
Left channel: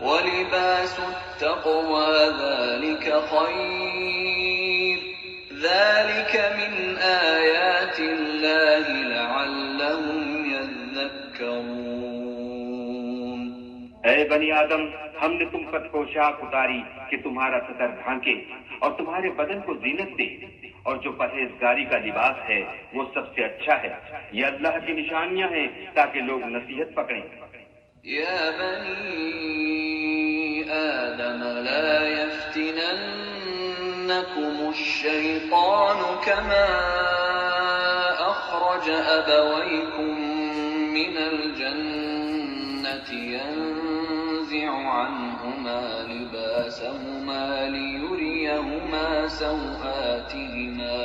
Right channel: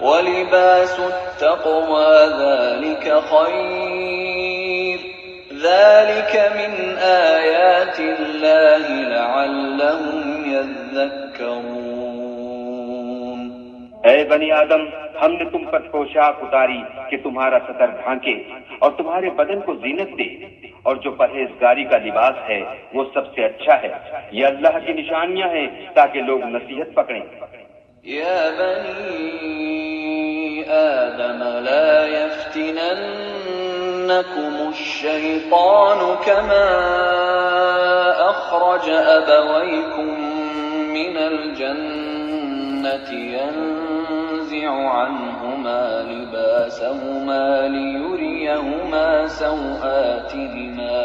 ولباس التقوى ذلك خير ذلك من آيات الله لعلهم يذكرون. اے بنی آدم ہم نے تم پر پوشاک اتاری کہ تمہارا ستر ڈھانکے اور تمہارے بدن کو زینت دے اور جو پرہیزگاری کا لباس ہے وہ سب سے اچھا ہے. یہ اللہ کی نشانیاں ہیں تاکہ لوگ نصیحت پکڑیں. يا بني آدم لا يفتننكم الشيطان كما أخرج أبويكم من الجنة ينزع عنهما لباسهما ليريهما سوآتهما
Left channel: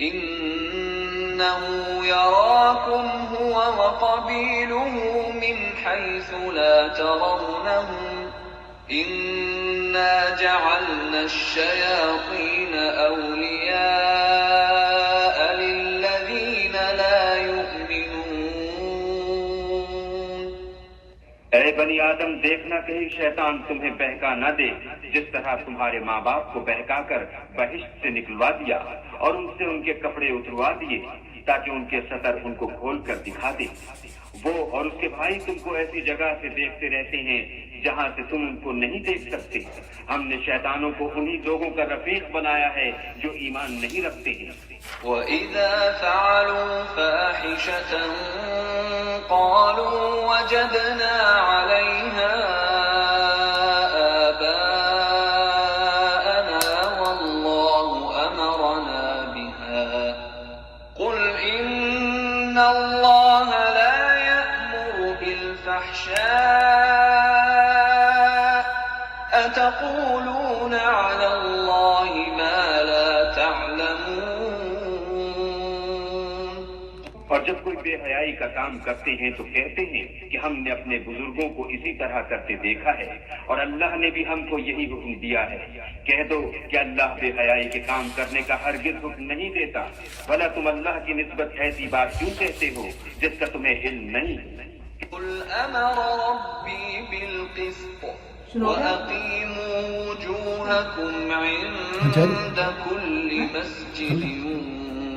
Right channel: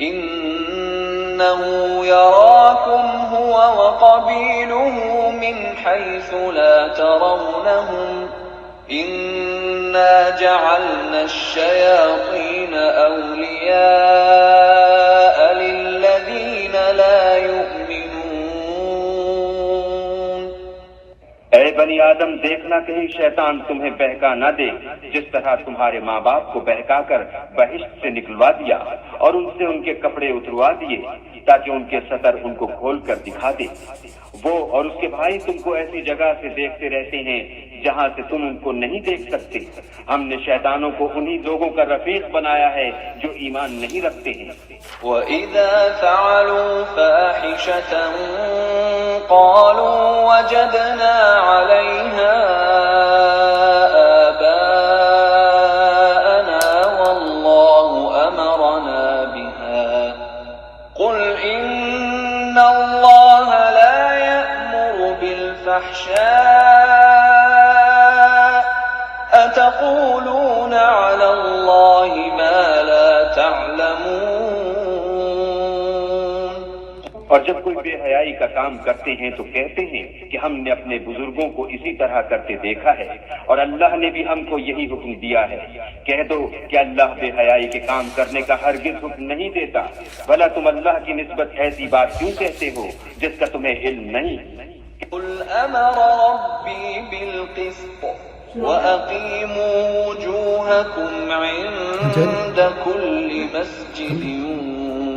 إنه يراكم هو وقبيله من حيث لا ترونهم إنا جعلنا الشياطين أولياء للذين لا يؤمنون. اے بنی آدم دیکھنا کہیں شیطان تمہیں بہکا نہ دے جس طرح تمہارے ماں باپ کو بہکا کر بہشت سے نکلوا دیا اور ان سے ان کے کپڑے اتروا دیے تاکہ ان کے سطر ان کو کھول کر دکھا دے. وہ اور اس کے بھائی تم کو ایسی جگہ سے دیکھتے رہتے ہیں جہاں سے تم ان کو نہیں دیکھ سکتے. ہم نے شیطانوں کو انہی لوگوں کا رفیق بنایا ہے جو ایمان نہیں رکھتے ہیں. وَإِذَا فَعَلُوا فَاحِشَةً قَالُوا وَجَدْنَا عَلَيْهَا آبَاءَنَا وَاللَّهُ أَمَرَنَا بِهَا قُلْ إِنَّ اللَّهَ لَا يَأْمُرُ بِالْفَحْشَاءِ أَتَقُولُونَ عَلَى اللَّهِ مَا لَا تَعْلَمُونَ. اور جب کوئی بے حیائی کا کام کرتے ہیں تو کہتے ہیں کہ ہم نے اپنے بزرگوں کو اسی طرح کرتے دیکھا ہے اور اللہ نے بھی ہم کو یہی حکم دیا ہے. کہہ دو کہ اللہ بے حیائی کے کام کرنے کا ہرگز حکم نہیں دیتا. بھلا تم اللہ کی نسبت ایسی بات کیوں کہتے ہو جس کا تمہیں علم نہیں؟ قل أمر ربي بالقسط وأقيموا وجوهكم عند كل مسجد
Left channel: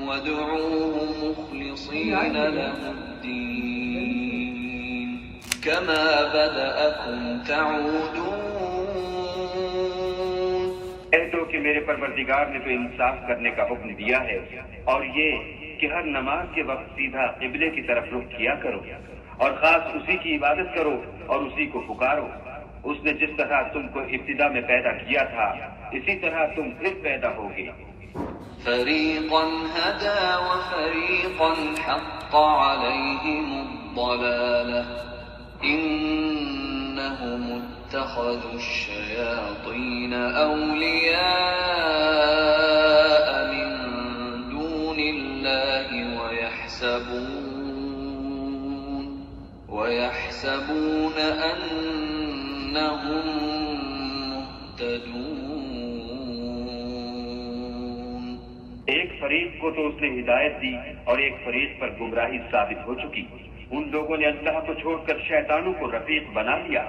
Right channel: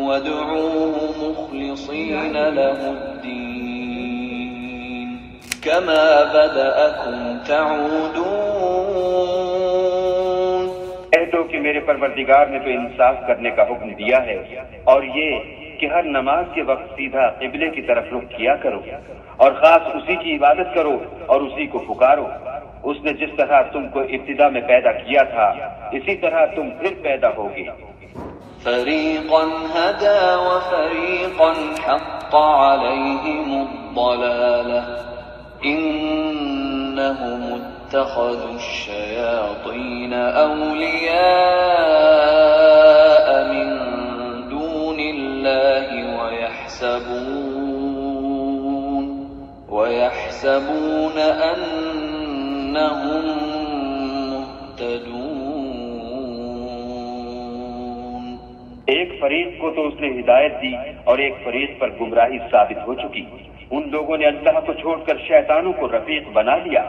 وادعوه مخلصين له الدين كما بدأكم تعودون. کہہ دو کہ میرے پروردگار نے تو انصاف کرنے کا حکم دیا ہے اور یہ کہ ہر نماز کے وقت سیدھا قبلے کی طرف رخ کیا کرو اور خاص اسی کی عبادت کرو اور اسی کو پکارو. اس نے جس طرح تم کو ابتدا میں پیدا کیا تھا اسی طرح تم پھر پیدا ہوگے. فریقا هدى وفریقا حق عليهم الضلالة إنهم اتخذوا الشياطين أولياء من ويحسبون أنهم مهتدون. ایک فریق کو تو اس نے ہدایت دی اور ایک فریق پر گمراہی ثابت ہو چکی. ان لوگوں نے اللہ کو چھوڑ کر شیطانوں کو رفیق بنا لیا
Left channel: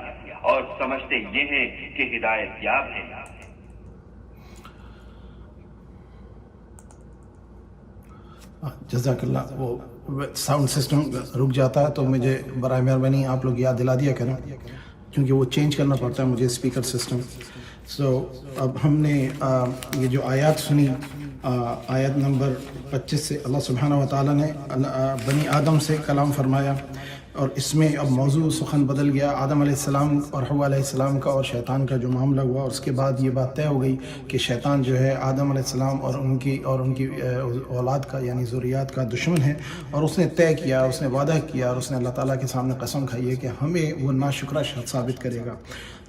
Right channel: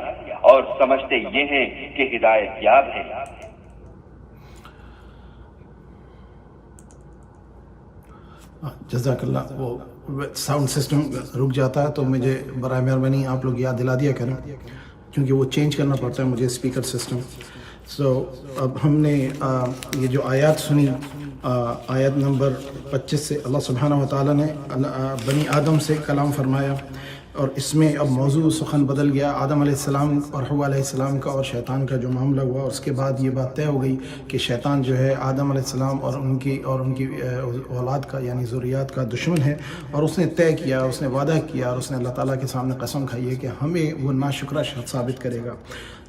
اور سمجھتے یہ ہیں کہ ہدایت یاب ہے. جزاک اللہ. وہ ساؤنڈ سسٹم رک جاتا ہے تو مجھے برائے مہربانی آپ لوگ یاد دلا دیا کریں کیونکہ وہ چینج کرنا پڑتا ہے مجھے اسپیکر سسٹم. اب ہم نے یہ جو آیات سنی آیت نمبر 25 سے اللہ سبحانہ و تعالیٰ نے بنی آدم سے کلام فرمایا اور اس میں اب موضوع سخن بدل گیا. آدم علیہ السلام اور حوا علیہ السلام کا اور شیطان کا جو معاملہ ہوا اور اس کے بعد یہ بات طے ہو گئی کہ شیطان جو ہے آدم علیہ السلام اور ان کی اولاد کا یعنی ذریات کا دشمن ہے. اور اس نے طے کیا، اس نے وعدہ کیا اور اس نے اللہ تعالیٰ کے سامنے قسم کھائی ہے کہ ہمیں وہ ناشکرہ شخص ثابت کرے گا.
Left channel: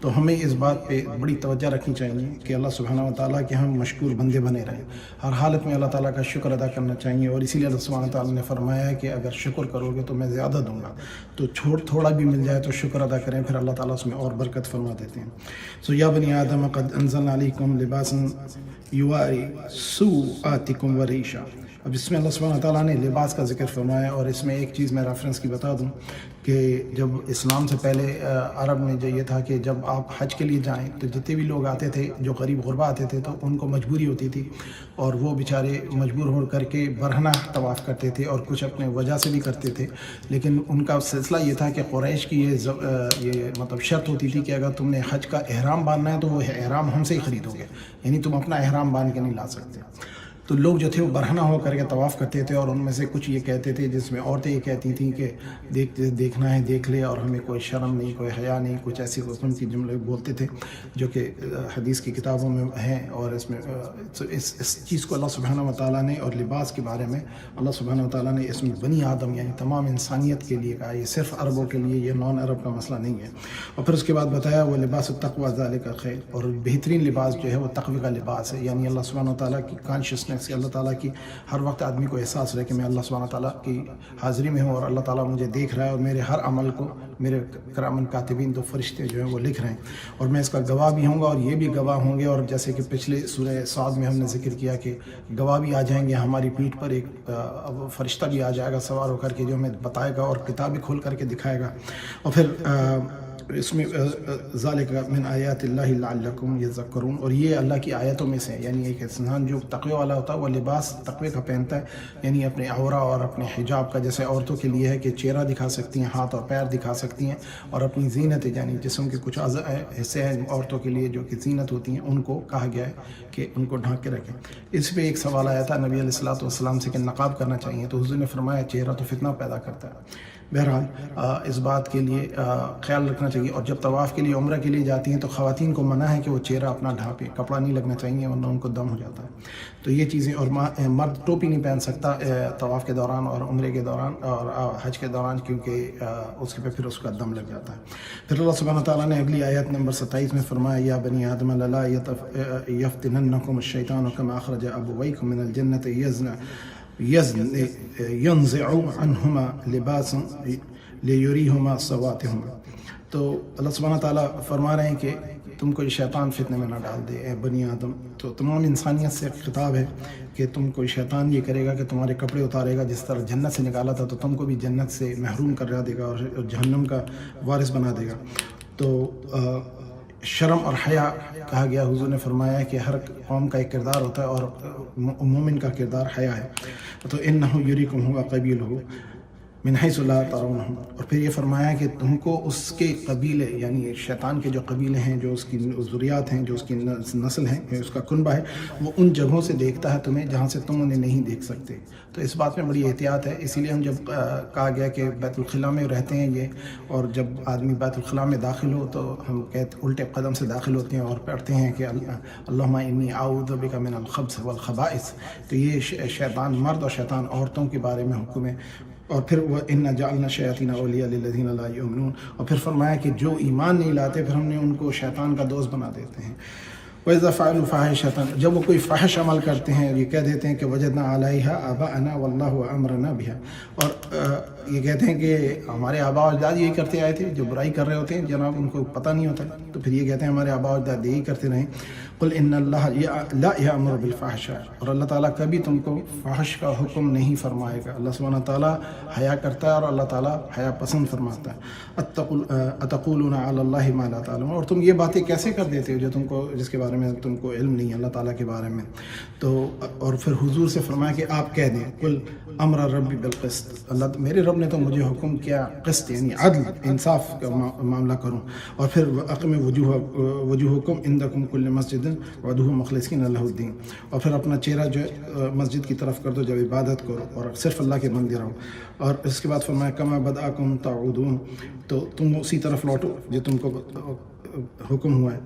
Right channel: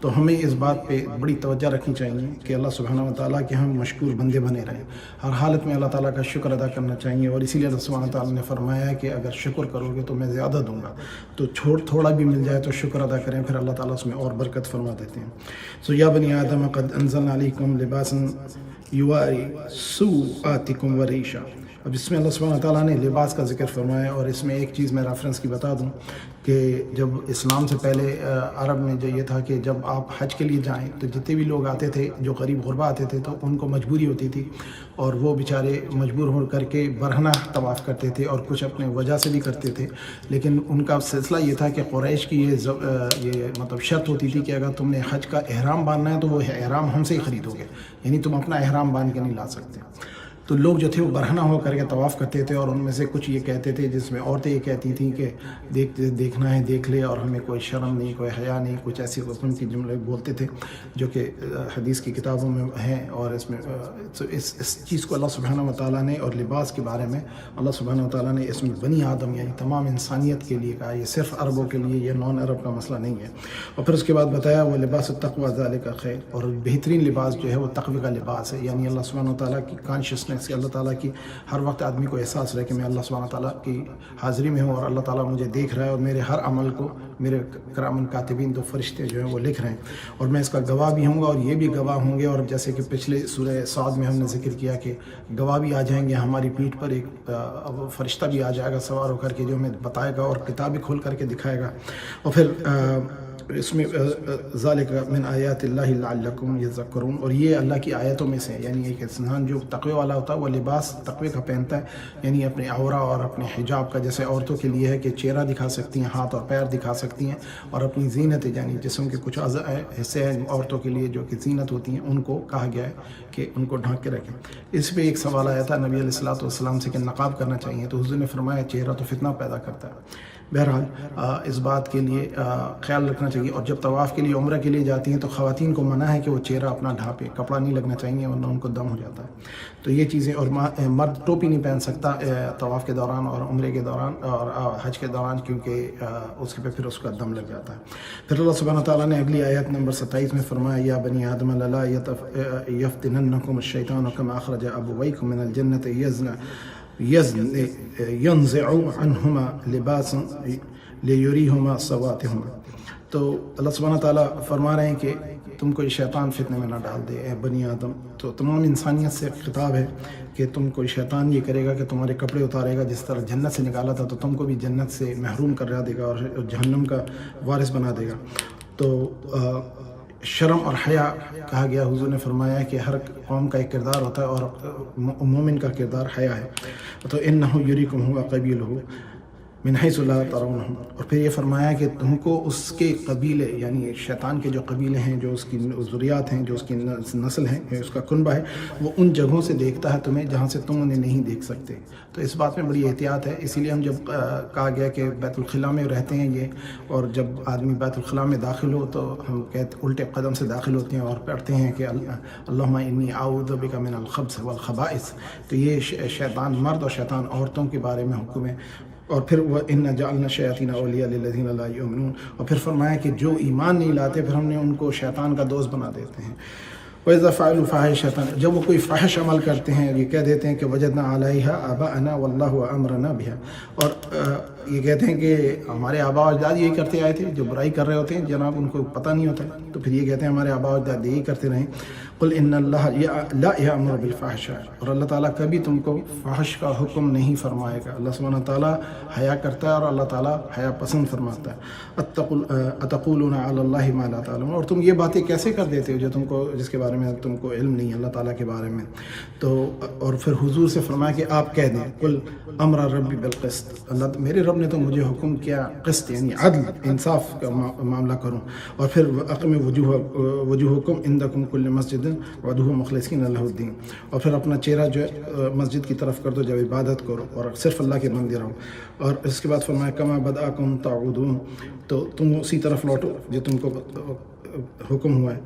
تو ہمیں اس بات پہ بڑی توجہ رکھنی چاہیے کہ اللہ سبحانہ و تعالیٰ کے ہم مشکور بندے بنے رہیں. ہر حالت میں اللہ تعالیٰ کا شکر ادا کرنا چاہیے اور اسی لیے اللہ سبحانہ و تعالیٰ نے فرمایا ہے کہ اگر شکر کرو گے تو میں زیادہ دوں گا. تو تھوڑا بھی مل جائے تو شکر ادا کریں، پھر اللہ تعالیٰ اس میں اور برکت فرما دیتے ہیں. یا بنی آدم قد انزلنا علیکم لباسا یواری سوآتکم وریشا. اب اس میں اللہ سبحانہ و تعالیٰ نے لباس کا ذکر فرمایا اور اس میں ایک چیز میں ریفرنس کی بتا دوں کہ جب اسلام سے پہلے عرب میں جو یہ تھا کہ جب آپ حج کے لیے جائیں تو جتنے بھی لوگ آتے تھے جو غریب غربا آتے تھے تو ان کو مجبوری ہوتی تھی اور وہ بیچارے مجبور ہو کر کے برہنہ طواف کرتے تھے اور کچھ اپنے وجہ سے بھی کرتے تھے. لیکن ان کا سلسلہ یہ تھا کہ قریش کی یہ مطلب شرط ہوتی تھی کہ اگر تم نے حج کا احرام باندھنا ہے تو وہ احرام ہم سے ہی خریدو گے، یعنی تم اپنا احرام باندھ کے نہیں لا سکتے. تو لوگ جو تھے وہ برہنہ ہو کر کے طواف کرتے تھے اور ان میں سے کچھ یہ کہتے تھے جس میں عورتیں یہ کہتی تھیں کہ دیکھنا ہے دیکھ لے اور ہمیں کوئی شرم نہیں کوئی حیا نہیں، کچھ ایسی قسم کی جملے بولتے تھے جو کہ حدیث کی کتابوں میں ہیں. اور اس میں اس چیز کو اللہ سبحانہ و تعالیٰ نے اور لباس کے بارے میں اللہ سبحانہ و تعالیٰ نے اس میں بنی آدم یعنی تمام انسانیت کے لیے کہا. یہ صرف عربوں کے لیے، یہ نان عرب کا مسئلہ نہیں ہے. اور پھر اس کے بعد بتایا وہ لباس التقویٰ ذالک خیر، اور بہترین لباس جو ہے وہ تقوی کا لباس ہے. یعنی اللہ سبحانہ و تعالیٰ کی کانشیسنیس سے، اللہ تعالیٰ کی ہر وقت آدمی کو احساس رہے کہ میں اللہ سبحانہ تعالیٰ کی حاضری میں ہوں اور اللہ تعالیٰ مجھے دیکھ رہا ہے اور میرے ہر عمل کو میرے کرامن کاتبین دو فرشتے جو ہیں وہ لکھ رہے ہیں اور میں اس کا گواہ بھی ہوں گا اور یہ بھی گواہ ہوں گے. اور جیسے کہ پچھلے سورہ صاد میں ہم نے ذکر کیا کہ گواہ بھی آ جائیں گے، ہماری پیٹھ پر ایک فرشتہ بھی آ جائے گا سوار ہو کر کے جو ہمیں بتائے گا اور کتابیں کھول کر کے دکھائے گا. اور پھر اس میں ذالک من آیات اللہ لعلکم یذکرون، اور یہ اللہ کی آیتوں میں سے یعنی ایک انسان جو تقوی والا ہوتا ہے وہ لباس تقوی کا پہنتا ہے، یعنی اپنے عورہ اور اپنے حجاب کا. جیسے عورتوں کے لیے ہے کہ چہرہ دکھا سکتی ہیں، ہاتھ اور پیر دکھا سکتی ہیں اور اپنی زینت یعنی جسم کے کچھ حصے ہیں عورتوں کے لیے جو کہ زینت ہوتی ہیں ان کو کہا گیا ہے کہ ان کو ڈھانک کے رکھیں. اس پہ ایک سوال آیا تھا نبی علیہ الصلوۃ والسلام سے کہ نقاب کرنا چاہیے تو حضور نے فرمایا چہرہ تو فتنہ پیدا کرتا ہے. بہرحال اس بات کے لیے خیال رکھنا چاہیے. اور جب طواف کے لیے عمرہ کے لیے جاتی ہیں تو خواتین کو منع ہے کہ وہ چہرہ اپنا ڈھانپے، کپڑا نہیں لگنا چاہیے ورنہ ان کو دم ہو جاتا ہے. تو یہ چیزیں، اور مرد ٹوپی نہیں پہن سکتا طواف کے دوران اور عمرے کے دوران اور حج کے دوران کیونکہ اس پہ پھر اس کا دم لگ جاتا ہے. پھر اللہ سبحانہ تعالیٰ نے اگلی آیت نمبر 27 میں فرمایا یا بنی آدم لا یفتننکم الشیطان کما اخرج ابویکم من الجنۃ ينزع عنهما لباسا ليريهما سواتهما. تو اللہ سبحانہ تعالیٰ فرما رہے ہیں کہ تم کوئی شیطان فتنے میں نہ ڈال دے اے بنی آدم. تو تمام انسانیت سے خطاب ہے کہ تم کوئی شیطان یہ کرے گا کہ تمہارے کپڑے اتارے گا، جس طرح جنت سے نکالا تھا تو تم کو بھی جنت سے محروم کر دے گا اور جہنم کا وارث بنا دے گا. تو شرم اور حیا کہا گیا. حضور نے فرمایا کہ ہر قوم کا ایک کردار ہوتا ہے اور مومن کا کردار حیا ہے. تو انہ یریکم هو قبیلہ من حیث لا ترونہم. اور پھر یہ فرمایا کہ تم کو اس کے قبیلے یعنی شیطان کے جو قبیلے ہیں، جو اس کی ذریات ہیں، جو اس کی نسل ہے، اس کا کنبہ ہے، وہ ان جگہوں سے دیکھتا ہے تمہیں جہاں سے تم انہیں نہیں دیکھ سکتے. تو اس بات میں بڑی احتیاط ہے. اسی لیے ہم جب کہا گیا کہ بیت الخلاء میں رہتے ہیں یہ، اور جب آدمی بیت الخلاء میں داخل ہو تو ہم الٹے قدم سے داخل ہوتے ہیں اور پڑھتے ہیں کہ اللہم انی اعوذ بک من الخبث والخبائث. تو یہ شیطان مرد اور شیطان عورتوں کے بارے میں حکم ہے. اور پھر وہ اِنَّا جَعَلْنَا الشَّيَاطِينَ أَوْلِيَاءَ لِلَّذِينَ لَا يُؤْمِنُونَ. اور پھر فرمایا کہ جو ایمان نہیں لاتے پھر ہم نے ان کو شیطان کا دوست بنا دیتے ہیں. وَإِذَا فَعَلُوا فَاحِشَةً، جب وہ کوئی فحش عمل کرتے ہیں یہ کہہ دیتے ہیں کہ وَجَدْنَا عَلَيْهَا آبَاءَنَا وَاللَّهُ أَمْرَنَا بِهَا، اور یہ کہتے ہیں کہ ہمارے آباء و اجداد یہی کرتے آئے تھے، جو برائی کر رہے ہوتے ہیں جناب ان کو پتہ نہیں ہوتا تو پھر یہ کہتے ہیں ہمارے آباء و اجداد یہی کرتے رہیں۔ قل ان اللہ لا یأمر بالفحشاء، اور اللہ تعالیٰ کبھی تم کو فحش کا حکم نہیں فرمائے گا۔ اللہ سبحانہ تعالیٰ حیا کرتا ہے اور اللہ تعالیٰ حیا پسند فرماتا ہے۔ اتقولون علی اللہ ما لا تعلمون، اور تم یہ باتیں کیسے کر دیتے ہو جو تم کو جس کے بارے میں تم کو علم نہیں ہے اللہ تعالیٰ کے بارے میں۔ تو اور پھر حضور سے فرمایا کہ آپ کہہ دیں قل امر ربی بالقسط، اللہ میرے رب نے تو مجھے حکم کیا قسط یعنی عدل انصاف کا معاملہ کروں، اور پھر اقم وجوہکم عند کل مسجد وادعوہ مخلصین لہ الدین، اور پھر اپنا چہرہ جو ہے مسجد کی طرف کر دو جب عبادت کرو اور صرف اللہ کے بندے رہو، اور اس کے بعد فرمایا کما بدأکم تعودون، تو تم اسی طرف لوٹو جو تم کو حکم ہوا ہے۔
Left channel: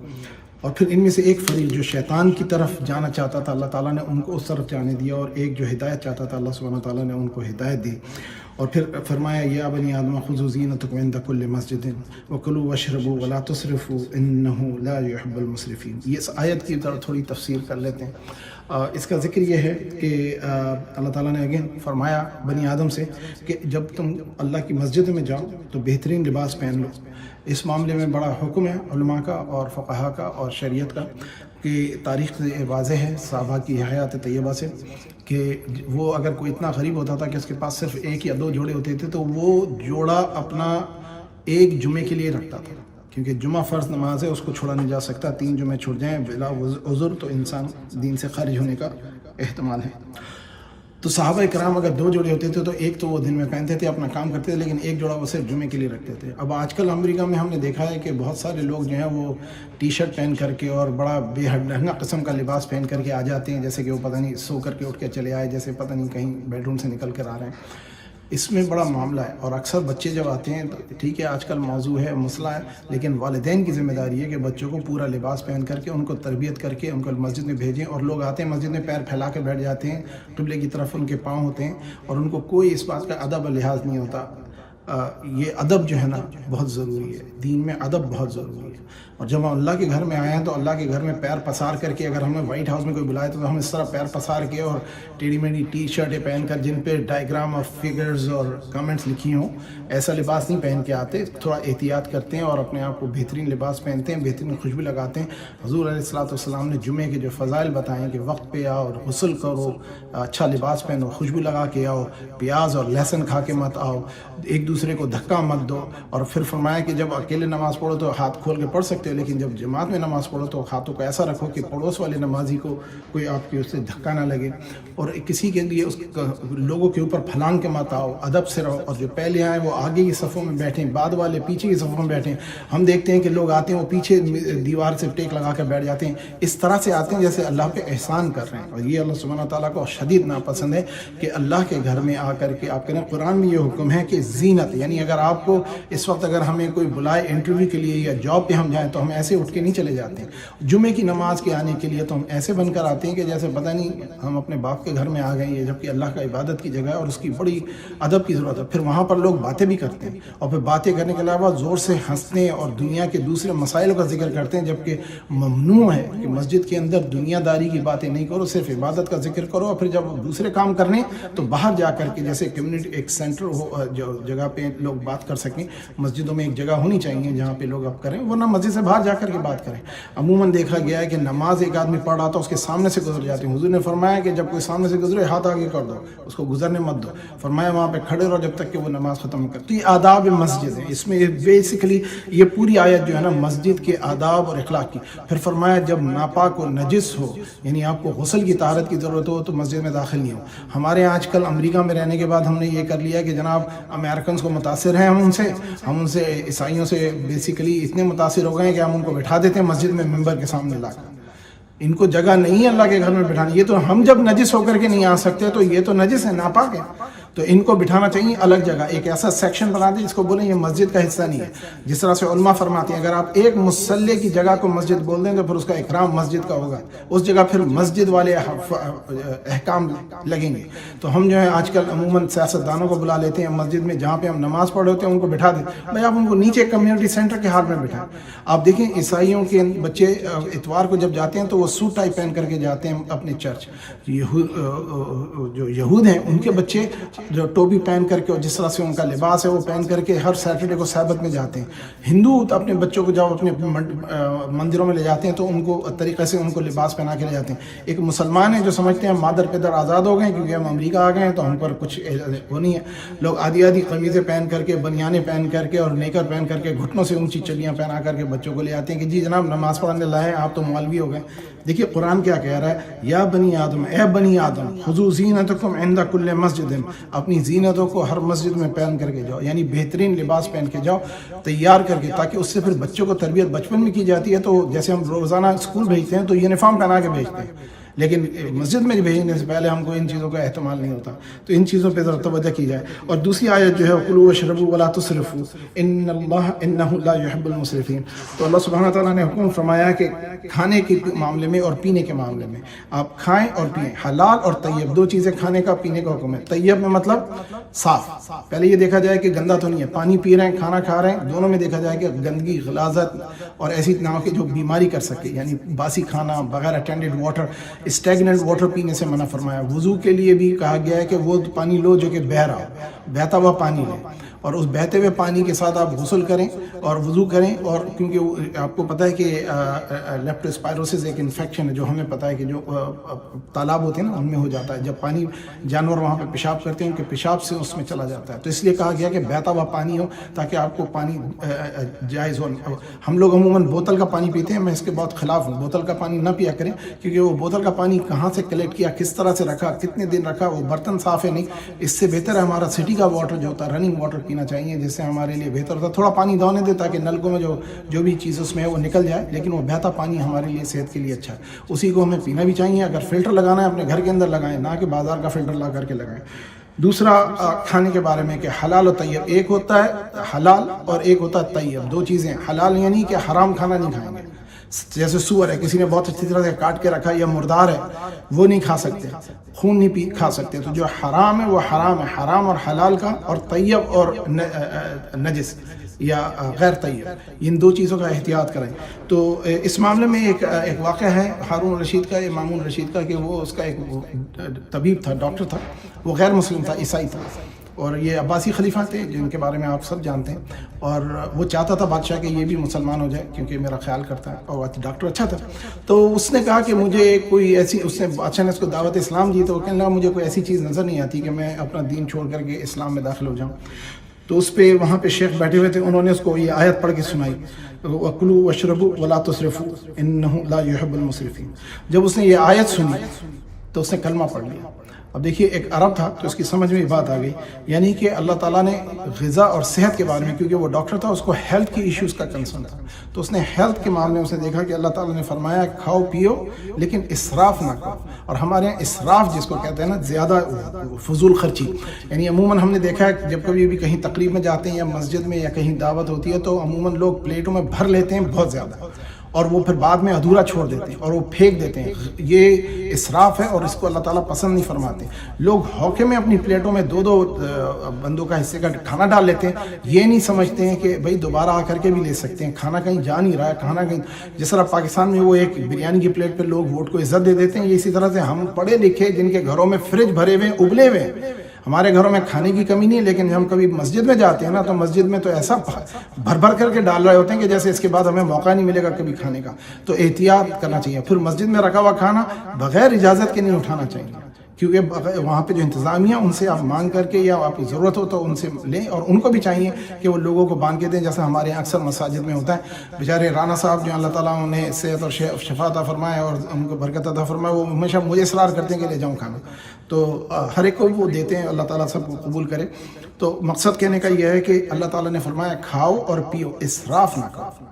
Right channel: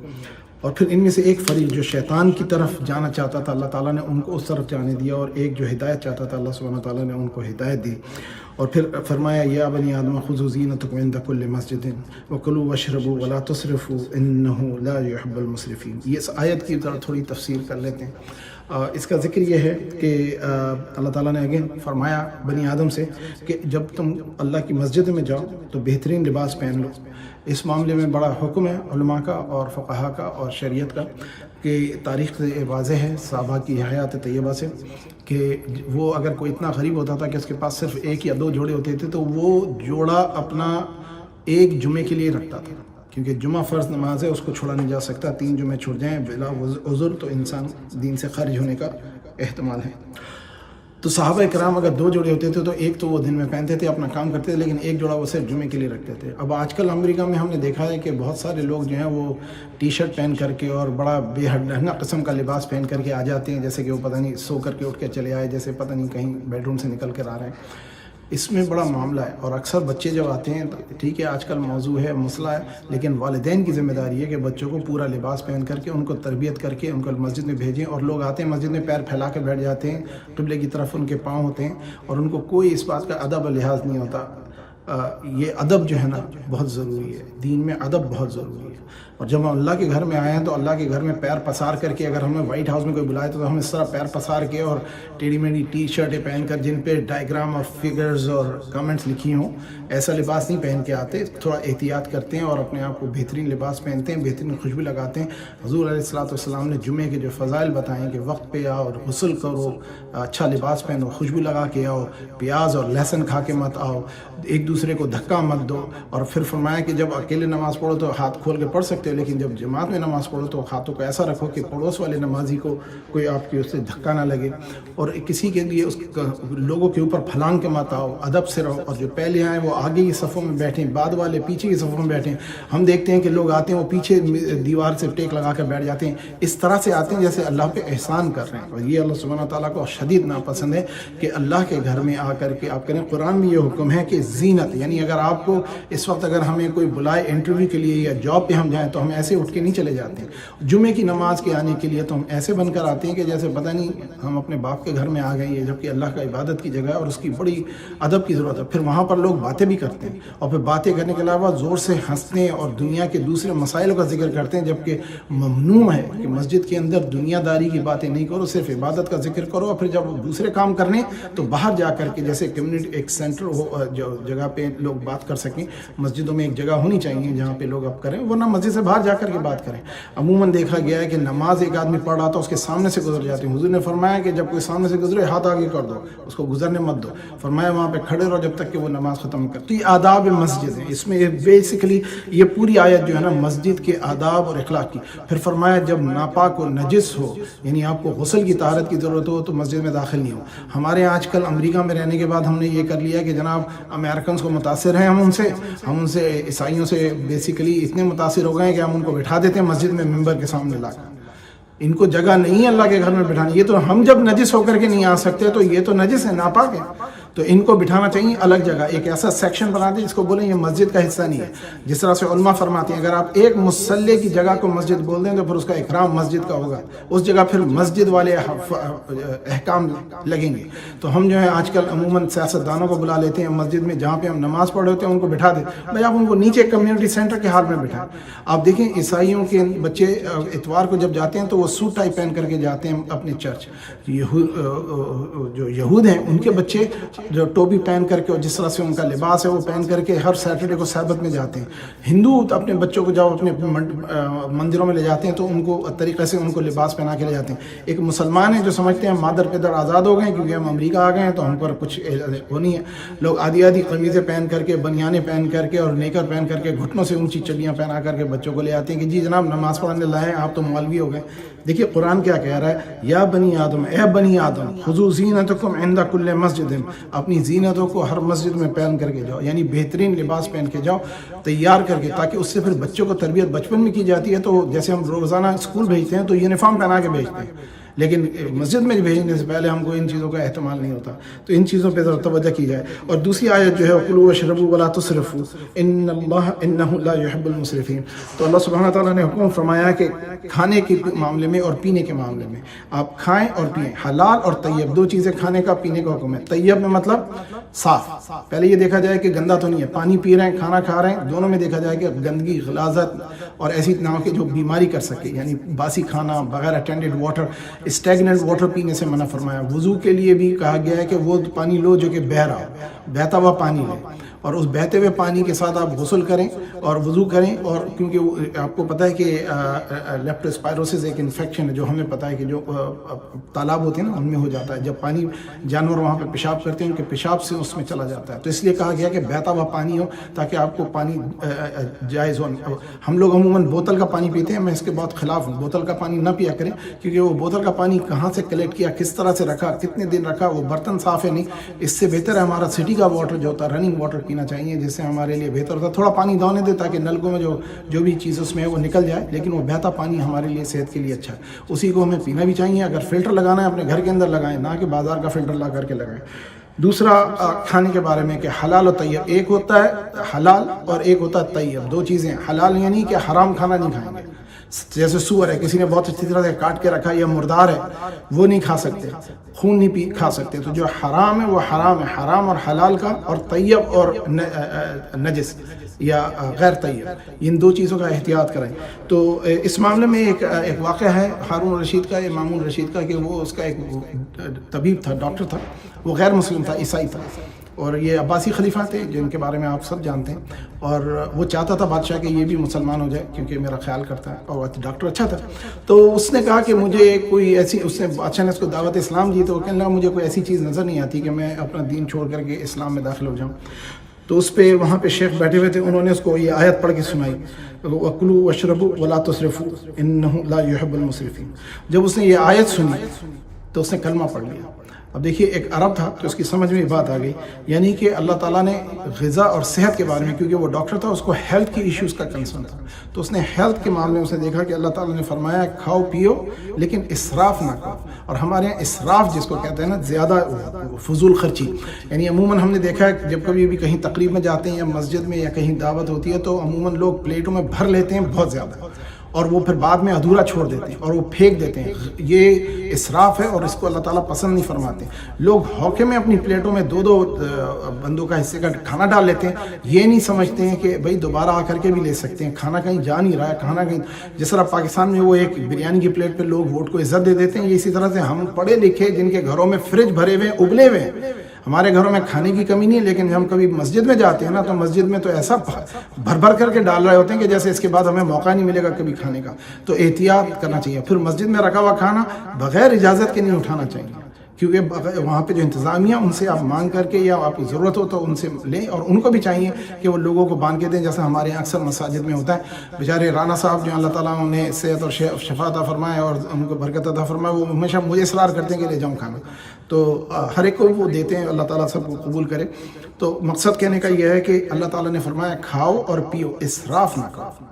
اور پھر ان میں سے ایک فریق جو شیطان کی طرف جانا چاہتا تھا اللہ تعالیٰ نے ان کو اس طرف جانے دیا، اور ایک جو ہدایت چاہتا تھا اللہ سبحانہ تعالیٰ نے ان کو ہدایت دی۔ اور پھر فرمایا یا بنی آدم خذوا زینتکم عند کل مسجد وکلوا واشربوا ولا تسرفوا انہ لا يحب المسرفین۔ یہ اس آیت کی تھوڑی تفسیر کر لیتے ہیں۔ اس کا ذکر یہ ہے کہ اللہ تعالیٰ نے اگین فرمایا بنی آدم سے کہ جب تم اللہ کی مسجد میں جاؤ تو بہترین لباس پہن لو۔ اس معاملے میں بڑا حکم ہے علماء کا اور فقہا کا اور شریعت کا، کہ تاریخ سے واضح ہے صحابہ کی حیات طیبہ سے کہ وہ اگر کوئی اتنا غریب ہوتا تھا کہ اس کے پاس صرف ایک یا دو جوڑے ہوتے تھے تو وہ جوڑا اپنا ایک جمعے کے لیے رکھتا تھا، کیونکہ جمعہ فرض نماز ہے اس کو چھوڑا نہیں جا سکتا، 3 جمعے چھوڑ جائیں بلا عذر تو انسان دین سے خارج ہونے کا احتمال ہے۔ تو صحابہ کرام اگر 2 جوڑے ہوتے تھے تو ایک تو وہ دن میں پہنتے تھے اپنا کام کرتے تھے، لیکن ایک جوڑا وہ صرف جمعے کے لیے رکھتے تھے۔ اب آج کل امریکہ میں ہم نے دیکھا ہے کہ بہت سارے لوگ جو ہیں وہ ٹی شرٹ پہن کر کے اور بڑا بے حد ڈھنگا قسم کا لباس پہن کر کے آ جاتے ہیں، جیسے کہ وہ پتہ نہیں سو کر کے اٹھ کے چلے آئے، جیسے پتہ نہیں کہیں بیڈ روم سے نکل کر آ رہے ہیں۔ اس میں بڑا معاملہ ہے، اور اکثر بچے جب آتے ہیں تو ٹھیک ہے آج کل موضوع ہے مسئلہ ہے، لیکن والدین کی ذمہ داری ہے کہ بچوں کو پورا لباس پہن کر کے ان کو تربیت کر کے ان کو مسجد میں بھیجیں۔ اور لوگ آتے ہیں مسجد میں پیر پھیلا کے بیٹھ جاتے ہیں، قبلے کی طرف ان کے پاؤں ہوتے ہیں اور ان کو کوئی اس بات کا ادب و لحاظ نہیں ہوتا۔ یہ ادب جو ہے نا بہت ضروری ہے، دین میں ادب بہت ضروری ہے۔ اور جب ہم اللہ کے گھر میں آئے ہیں تو اللہ کے گھر میں پیر پسار کر کے، اگر ہمیں وائٹ ہاؤس میں کوئی بلائے تو ہم اس طرح پیر پسار کے اور ٹیڑھی میڑھی ٹی شرٹیں پہن کر جن پہ ڈائیگرام اور فگرز اور کمنٹس لکھی ہوں ایسا لباس نہیں پہن کے آتے، تھوڑا احتیاط کرتے ہیں اور اپنے آپ کو بہترین لباس پہنتے ہیں، بہترین خوشبو لگاتے ہیں۔ حضور علیہ الصلوۃ والسلام نے جمعے کے جو فضائل بتائیں کہ وقت پہ آؤ اور غسل کرو، اچھا لباس پہنو، خوشبو لگا کے آؤ، پیاز اور لہسن کھا کے مت آؤ، ایک دوسرے کو دھکا مت دو، اور پھر فرمایا کہ جب اکیلے نماز پڑھو تو ہاتھ کھول کے پڑھ سکتے ہو، لیکن جب جماعت میں نماز پڑھو تو ہاتھوں کو ایسا رکھو کہ پڑوس والے نمازی کو کوئی آپ کی اس سے دھکا نہ لگے، اور کسی کے لیے اس لوگوں کے اوپر پھلانگ کے مت آؤ، ادب سے رہو، اور جو پہلے آئے وہ آگے کی صفوں میں بیٹھیں، بعد والے پیچھے کی صفوں میں بیٹھیں۔ ہم دیکھتے ہیں کہ لوگ آتے ہیں وہ پیچھے دیوار سے ٹیک لگا کر بیٹھ جاتے ہیں، اس طرح سے آتے ہیں جیسے اللہ پہ احسان کر رہے ہیں، اور یہ اللہ سبحانہ تعالیٰ کو شدید ناپسند ہے کہ اللہ کے گھر میں آ کر کے آپ کریں۔ قرآن میں یہ حکم ہے کہ زینت، یعنی اگر آپ کو اس وقت اگر ہمیں کوئی بلائے انٹرویو کے لیے یا جاب پہ ہم جائیں تو ہم ایسے اٹھ کے نہیں چلے جاتے ہیں، جمعے کی نماز کے آنے کے لیے تو ہم ایسے بن کر آتے ہیں کہ جیسے پتہ نہیں ہم اپنے باپ کے گھر میں آ گئے ہیں، جبکہ اللہ کا عبادت کی جگہ ہے اور اس کی بڑی ادب کی ضرورت ہے۔ پھر وہاں پر لوگ باتیں بھی کرتے ہیں، اور پھر باتیں کرنے کے علاوہ زور سے ہنستے اور دنیا کے دوسرے مسائل کا ذکر کرتے ہیں، جبکہ ممنوع ہے کہ مسجد کے اندر دنیا داری کی باتیں نہیں کرو، صرف عبادت کا ذکر کرو، اور پھر جب دوسرے کام کرنے تو باہر جا کر کے جیسے کمیونٹی ایک سینٹر ہو جو جگہ پہ لوگ بات کر سکیں، مسجدوں میں ایک جگہ ہونی چاہیے جہاں پہ لوگ اب کریں، ورنہ مسجد سے باہر جا کر کے بات کریں۔ عموماً دیکھا گیا ہے کہ نماز ایک آدمی پڑھ رہا تھا اس کے سامنے سے گزر جاتے ہیں، حضور نے فرمایا کہ جب کوئی سامنے سے گزرے ہاتھ آگے کر دو، اس کو گزرنے مت دو، فرمایا وہاں پہ کھڑے رہو جب تک کہ وہ نماز ختم کر۔ تو یہ آداب مسجد ہیں، اس میں بیسیکلی یہ پوری آیت جو ہے نا مسجد کے آداب اور اخلاق کی۔ پھر فرمایا جب ناپاک و نجس ہو، یعنی آپ کو غسل کی طہارت کی ضرورت ہو تو مسجد میں داخل نہیں ہو۔ ہمارے آج کل امریکہ میں رہنے کے بعد ہم نے یہ کر لیا کہ جناب امریکنز کو متاثر ہیں ہم ان سے عیسائیوں سے بیسیکلی اتنے متاثر ہو گئے ہیں کہ ہم ان کو بٹھا دیتے ہیں مسجد میں ممبر کے سامنے لا کر، ان کو جگہ نہیں ہے اللہ کے گھر میں بٹھانے. یہ تو ہم جب نجس ہو کر کے نہیں آ سکتے تو یہ تو نجس ہے، ناپاک ہے، تو ان کو بٹھانا چاہیے الگ جگہ، ایک ایسا سیکشن بنا دیں جس کو بولیں یہ مسجد کا حصہ نہیں ہے. جس طرح سے علماء فرماتے ہیں اگر آپ ایک مصلی کی جگہ کو مسجد بول دیں تو پھر اس کا اکرام مسجد کا ہوگا، اس جگہ پھر مسجد والے احکام لگیں گے. تو ہم جو ہے آج کل عموماً سیاستدانوں کو بلا لیتے ہیں مسجد میں جہاں پہ ہم نماز پڑھ رہے ہوتے ہیں ان کو بٹھا دیں. بھائی آپ ان کو نیچے کمیونٹی سینٹر کے حال میں بٹھائیں. آپ دیکھیں عیسائیوں کے بچے اتوار کو جب جاتے ہیں تو وہ سوٹ ٹائی پہن کر کے جاتے ہیں اپنے چرچ. جو یہود ہیں ان کے بچے جو ٹوپی پہن کر کے اور جس طرح سے ان کا لباس ہے وہ پہن کر کے ہر سیٹرڈے کو سبت میں جاتے ہیں. ہندو اپنے بچوں کو جب اپنے مندروں میں لے جاتے ہیں تو ان کو طریقے سے ان کو لباس پہنا کے لے جاتے ہیں. ایک مسلمان ہے جو سمجھتے ہیں مادر پدر آزاد ہو گئے کیونکہ ہم امریکہ آ گئے ہیں تو ہم پر کچھ وہ نہیں ہے. لوگ آدھی آدھی قمیضیں پہن کر کے، بنیانیں پہن کر کے اور نیکر پہن کر کے، گھٹنوں سے اونچی چڈیاں پہنا کر کے بچوں کو لے آتے ہیں کہ جی جناب نماز پڑھنے لائے آپ تو مولوی ہو گئے. دیکھیے قرآن کیا کہہ رہا ہے، یا بنی آدم، اے بنی آدم، خذوا زینتکم عند کل مسجد، اپنی زینتوں کو ہر مسجد میں پہن کر کے جاؤ، یعنی بہترین لباس پہن کے جاؤ تیار کر کے، تاکہ اس سے پھر بچوں کو تربیت بچپن میں کی جاتی ہے. تو جیسے ہم روزانہ اسکول بھیجتے ہیں تو یونیفارم پہنا کے بھیجتے ہیں، لیکن مسجد میں بھیجنے سے پہلے ہم کو ان چیزوں کا احتمال نہیں ہوتا. تو ان چیزوں پہ ذرا توجہ کی جائے. اور دوسری آیت جو ہے کلوا واشربوا ولا تسرفوا انہ لا يحب المسرفین. تو اللہ سبحانہ تعالیٰ نے حکم فرمایا کہ کھانے کے معاملے میں اور پینے کے معاملے میں آپ کھائیں اور پئیں. حلال اور طیب دو چیزیں کھانے کا پینے کا حکم ہے. طیب میں مطلب صاف، پہلے یہ دیکھا جائے کہ گندا تو نہیں ہے. پانی پی رہے ہیں، کھانا کھا رہے ہیں، دونوں میں دیکھا جائے کہ گندگی، غلاظت اور ایسی نہ کہ جو بیماری کر سکے، یعنی باسی کھانا بغیر اٹینڈڈ واٹر، اسٹیگننٹ واٹر پینے سے منع فرمایا. وضو کے لیے بھی کہا گیا ہے کہ وہ پانی لو جو کہ بہہ رہا ہو، بہتا ہوا پانی لیں، اور اس بہتے ہوئے پانی کے ساتھ آپ غسل کریں اور وضو کریں. اور کیونکہ آپ کو پتہ ہے کہ لیپٹوسپائروسس ایک انفیکشن ہے جو ہمیں پتہ ہے کہ جو تالاب ہوتے ہیں نا ان میں ہو جاتا ہے. جب پانی جانور وہاں پہ پیشاب کرتے ہیں ان کے پیشاب سے اس میں چلا جاتا ہے. تو اس لیے کہا گیا کہ بہتا ہوا پانی ہو تاکہ آپ کو پانی جائز ہو. ہم لوگ عموماً بوتل کا پانی پیتے ہیں، میں اس کے بہت خلاف ہوں. بوتل کا پانی نہ پیا کریں کیونکہ وہ بوتل کا پانی کہاں سے کلیکٹ کیا، کس طرح سے رکھا، کتنے دن رکھا، وہ برتن صاف ہے نہیں. اس سے بہتر ہے ہمارا سٹی کا واٹر جو ہوتا ہے، رننگ واٹر پینا چاہیے، جس سے ہمارے لیے بہتر ہوتا ہے. تھوڑا پانی دونے دے تاکہ نلکوں میں جو بھی چیز اس میں ہے وہ نکل جائے، لیکن وہ بہتا پانی ہمارے لیے صحت کے لیے اچھا ہے. اسی کو ہمیں پینا بھی چاہیے. اگر فلٹر لگانا ہے اپنے گھر کے اندر لگائیں، نہ کہ بازار کا فلٹر لا کر کے لگائیں. دوسرا کھانے کے بارے میں کہ حلال اور طیب، ایک ہوتا ہے حلال اور ایک ہوتا ہے طیب. دو چیزیں. حلال یعنی کہ حرام کھانا نہیں کھائیں گے. جیسے سور ہے، کسی نے بہت اچھی طرح سے کاٹ کے رکھا، یا مردار ہے وہ نہیں کھا سکتے، خون نہیں کھا سکتے. تو جو حرام ہے وہ حرام ہے. حرام اور حلال کا، اور طیب اور نجس یا غیر طیب، ان دو چیزوں کا احتیاط کریں. تو اس معاملے میں ایک واقعہ ہے ہارون رشید کا، مامون رشید کا، کہ وہ اس کا ایک طبیب تھا، ڈاکٹر تھا، وہ غیر مسلم تھا، عیسائی تھا، اور یہ عباسی خلیفہ تھے جن کے بارے میں آپ سب جانتے ہیں. اور وہ چاہتا تھا بادشاہ کہ یہ بھی مسلمان ہو جائے کیونکہ میرا خیال کرتا ہے، اور ڈاکٹر اچھا تھا. تو اس نے کہا کہ مجھے کوئی ایسی، اس نے بادشاہ نے اس کو دعوت اسلام دی تو وہ کہنے لگا مجھے کوئی ایسی چیز نظر نہیں آتی کہ میں اپنا دین چھوڑ کر کے اسلام میں داخل ہو جاؤں. تو اس پہ وہاں پہ شیخ بیٹھے ہوئے تھے، انہوں نے اس کو یہ آیت پڑھ کے سنائی، وَكُلُوا وَاشْرَبُوا وَلَا تُسْرِفُوا إِنَّهُ لَا يُحِبُّ الْمُسْرِفِينَ. جب اس نے یہ آیت سنی تو اس نے کلمہ پڑھ لیا. اب دیکھیے ایک عرب تھا تو اس کی سمجھ میں یہ بات آ گئی، یعنی کہ اللہ تعالیٰ نے غذا اور صحت کے بارے میں، کیونکہ وہ ڈاکٹر تھا، اس کو ہیلتھ کی ایشوز کا کنسرن تھا، تو اس نے ہیلتھ کے معاملے میں اسے دیکھا کہ اللہ تعالیٰ نے فرمایا کھاؤ پیو لیکن اسراف نہ کرو. اور ہمارے یہاں اسراف جس کو کہتے ہیں نا، زیادہ فضول خرچی، یعنی عموماً ہم نے دیکھا ہے جب کبھی بھی کہیں تقریب میں جاتے ہیں یا مسجد میں یا کہیں دعوت ہوتی ہے تو عموماً لوگ پلیٹوں میں بھر لیتے ہیں بہت زیادہ، اور وہ پھر بعد میں ادھورا چھوڑ دیتے ہیں اور وہ پھینک دیتے ہیں. یہ اسراف ہے اور اس کو اللہ تعالیٰ پسند نہیں فرماتے. لوگ ہوکے میں اپنی پلیٹوں میں دو بندوں کا حصے کا کھانا ڈال لیتے ہیں، یہ نہیں سمجھتے ہیں کہ بھائی دوبارہ آ کر کے بھی لے سکتے ہیں. کھانا کہیں جا نہیں رہا ہے، کھانا کہیں، جس طرح پاکستان میں وہ ایک بریانی کی پلیٹ پہ لوگ ووٹ کو عزت دے دیتے ہیں، یہ اسی طرح سے ہم پڑھے لکھے جن کے گھروں میں فریج بھرے ہوئے ابلے ہوئے ہیں، ہمارے گھروں میں کھانے کی کمی نہیں ہے، لیکن ہم کبھی مسجد میں جاتے ہیں نا تو مسجد میں تو ایسا بھر بھر کر کے ڈال رہے ہوتے ہیں کہ جیسے اس کے بعد ہمیں موقع نہیں ملے گا کبھی کھانے کا. تو احتیاط کرنا چاہیے. پھر مسجد میں رکھا ہوا کھانا بغیر اجازت کے نہیں اٹھانا چاہیے، کیونکہ وہاں پہ جو انتظامیہ ان سے آپ مانگ کر کے یا آپ کی ضرورت ہو تو ان سے لیں، اور ان کو بھی چاہیے کہ وہ لوگوں کو باندھ کے دیں، جیسا ہمارے یہاں اکثر مساجد میں ہوتا ہے. بیچارے رانا صاحب جو اللہ تعالیٰ انہیں صحت اور شفا عطا فرمائے اور ان کو برکت عطا فرمائے، وہ ہمیشہ مجھے اصرار کرتے ہیں کہ لے جاؤں کھانا. تو ہر ایک کو وہ دیتے ہیں، اللہ تعالیٰ سب کو قبول کرے. تو مقصد کہنے کا یہ ہے کہ اللہ تعالیٰ نے فرمایا کھاؤ اور پیو، اسراف نہ کرو.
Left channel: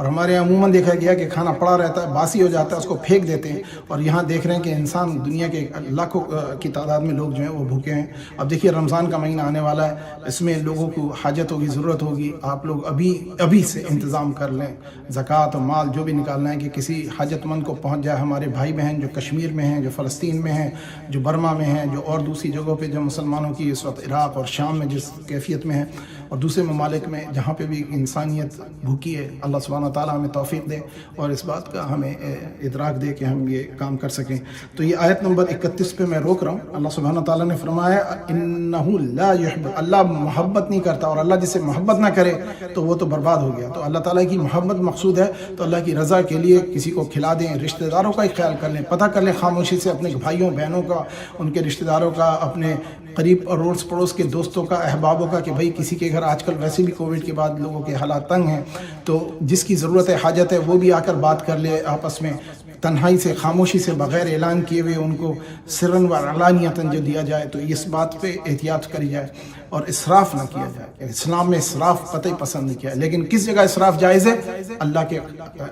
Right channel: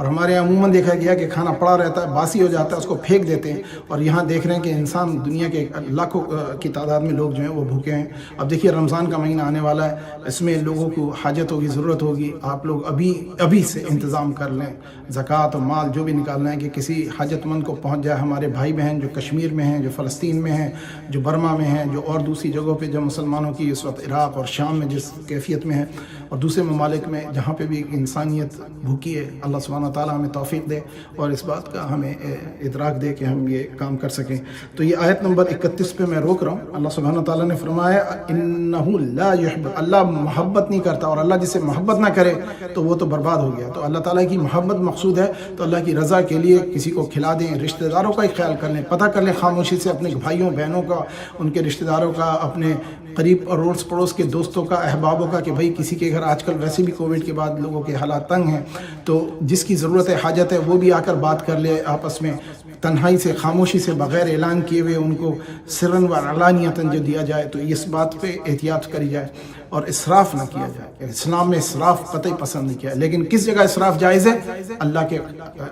اور ہمارے یہاں عموماً دیکھا گیا کہ کھانا پڑا رہتا ہے، باسی ہو جاتا ہے، اس کو پھینک دیتے ہیں، اور یہاں دیکھ رہے ہیں کہ انسان دنیا کے لاکھوں کی تعداد میں لوگ جو ہیں وہ بھوکے ہیں۔ اب دیکھیے رمضان کا مہینہ آنے والا ہے، اس میں لوگوں کو حاجت ہوگی، ضرورت ہوگی، آپ لوگ ابھی سے انتظام کر لیں، زکوٰۃ اور مال جو بھی نکالنا ہے کہ کسی حاجت مند کو پہنچ جائے۔ ہمارے بھائی بہن جو کشمیر میں ہیں، جو فلسطین میں ہیں، جو برما میں ہیں، جو اور دوسری جگہوں پہ جو مسلمانوں کی اس وقت عراق اور شام میں جس کیفیت میں ہے، اور دوسرے ممالک میں جہاں پہ بھی انسانیت بھوکی ہے، اللہ سبحانہ تعالیٰ ہمیں توفیق دے اور اس بات کا ہمیں ادراک دے کہ ہم یہ کام کر سکیں۔ تو یہ آیت نمبر 31 پہ میں روک رہا ہوں۔ اللہ سبحانہ تعالیٰ نے فرمایا انہ لا یحب، اللہ محبت نہیں کرتا، اور اللہ جسے محبت نہ کرے تو وہ تو برباد ہو گیا۔ تو اللہ تعالیٰ کی محبت مقصود ہے، تو اللہ کی رضا کے لیے کسی کو کھلا دیں، رشتہ داروں کا ہی خیال کر لیں، پتہ کر لیں خاموشی سے اپنے بھائیوں بہنوں کا، ان کے رشتہ داروں کا، اپنے قریب اڑوس پڑوس کے دوستوں کا، احبابوں کا، کہ بھائی کسی کے گھر آج کل ویسے بھی کووڈ کے بعد لوگوں کے حالات تنگ ہیں، تو جس کی ضرورت ہے، حاجت ہے، وہ بھی آ کر بات کر لے آپس میں، تنہائی سے، خاموشی سے، بغیر اعلان کیے ہوئے ان کو سرن و علانیتاً جو دیا جائے، تو اس بات پہ احتیاط کری جائے اور اسراف نہ کیا جائے۔ اسلام میں اسراف قطعی پسند نہیں کیا ہے، لیکن کس جگہ اسراف جائز ہے؟ اللہ کے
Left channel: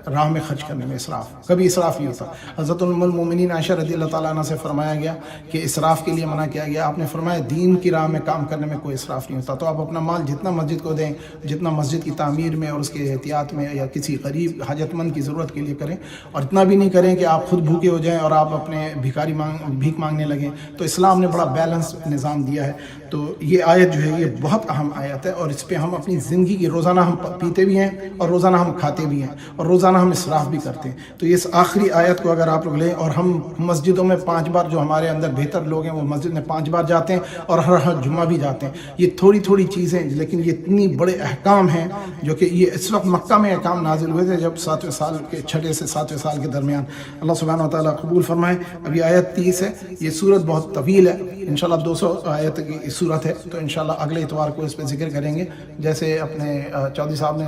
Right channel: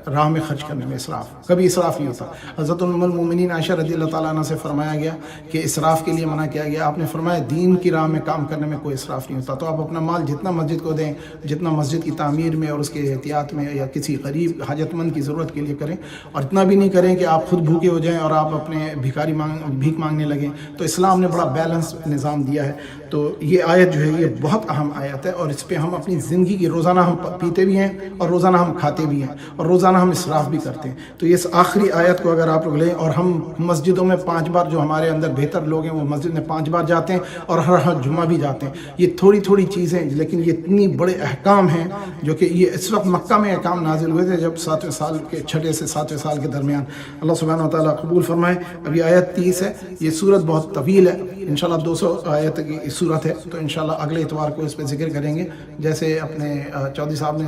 راہ میں خرچ کرنے میں اسراف، کبھی اسراف نہیں ہوتا۔ حضرت ام المومنین عائشہ رضی اللہ تعالیٰ عنہ سے فرمایا گیا کہ اسراف کے لیے منع کیا گیا، آپ نے فرمایا دین کی راہ میں کام کرنے میں کوئی اسراف نہیں ہوتا۔ تو آپ اپنا مال جتنا مسجد کو دیں، جتنا مسجد کی تعمیر میں اور اس کے احتیاط میں یا کسی غریب حاجت مند کی ضرورت کے لیے کریں، اور اتنا بھی نہیں کریں کہ آپ خود بھوکے ہو جائیں اور آپ اپنے بھیک مانگنے لگیں۔ تو اسلام نے بڑا بیلنس نظام دیا ہے۔ تو یہ آیت جو ہے یہ بہت اہم آیت ہے، اور اس پہ ہم اپنی زندگی کی روزانہ ہم پیتے بھی ہیں اور روزانہ ہم کھاتے بھی ہیں اور روزانہ ہم اسراف بھی کرتے ہیں۔ تو اس آخری آیت کو اگر آپ لوگ لیں، اور ہم مسجدوں میں 5 بار، جو ہمارے اندر بہتر لوگ ہیں وہ مسجد میں 5 بار جاتے ہیں اور ہر جمعہ بھی جاتے ہیں، یہ تھوڑی چیزیں، لیکن یہ اتنی بڑے احکام ہیں جو کہ یہ اس وقت مکہ میں احکام نازل ہوئے تھے جب 7ویں سال کے 6 سے 7ویں سال کے درمیان۔ اللہ سبحانہ و تعالیٰ قبول فرمائے۔ اب یہ آیت 30 ہے، یہ سورت بہت طویل ہے، انشاءاللہ 200 آیت کی صورت ہے، تو انشاءاللہ اگلے اتوار کو اس پہ ذکر کریں گے۔ جیسے اپنے چودھری صاحب نے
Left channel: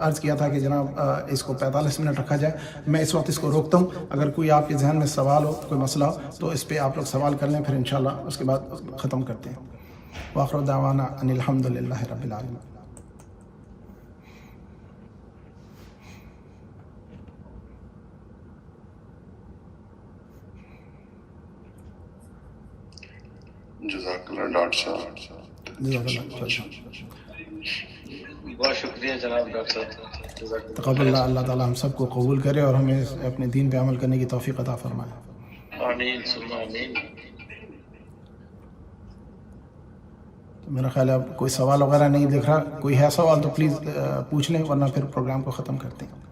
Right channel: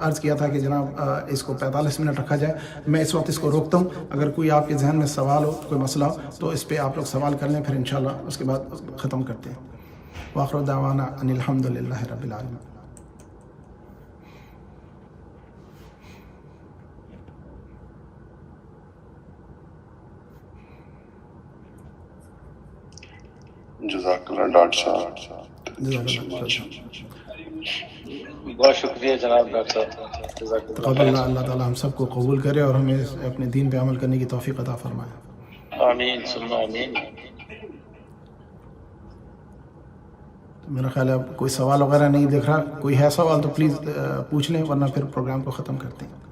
عرض کیا تھا کہ جناب اس کو 45 منٹ رکھا جائے، میں اس وقت اس کو روکتا ہوں۔ اگر کوئی آپ کے ذہن میں سوال ہو، کوئی مسئلہ ہو، تو اس پہ آپ لوگ سوال کر لیں، پھر انشاءاللہ اس کے بعد ختم کرتے ہیں۔ وآخر دعوانا ان الحمد للہ رب العالمین۔ جزاک اللہ ڈاکٹر صاحب۔ جزاک اللہ۔ بہت شکریہ جناب ڈاکٹر صاحب، جزاک اللہ۔ تقبل اللہ، اللہ تعالیٰ ہم سب کو قبول کرے اور ہمیں اپنے دین پہ عمل کرنے کی توفیق عطا فرمائے۔ آمین ثم آمین۔ تو میرا خیال ہے اب کوئی سوال وغیرہ نہیں دیکھ رہا، کوئی ہے سوال تو پلیز پوچھ لیں، ورنہ پھر پروگرام کو ختم کرتے ہیں۔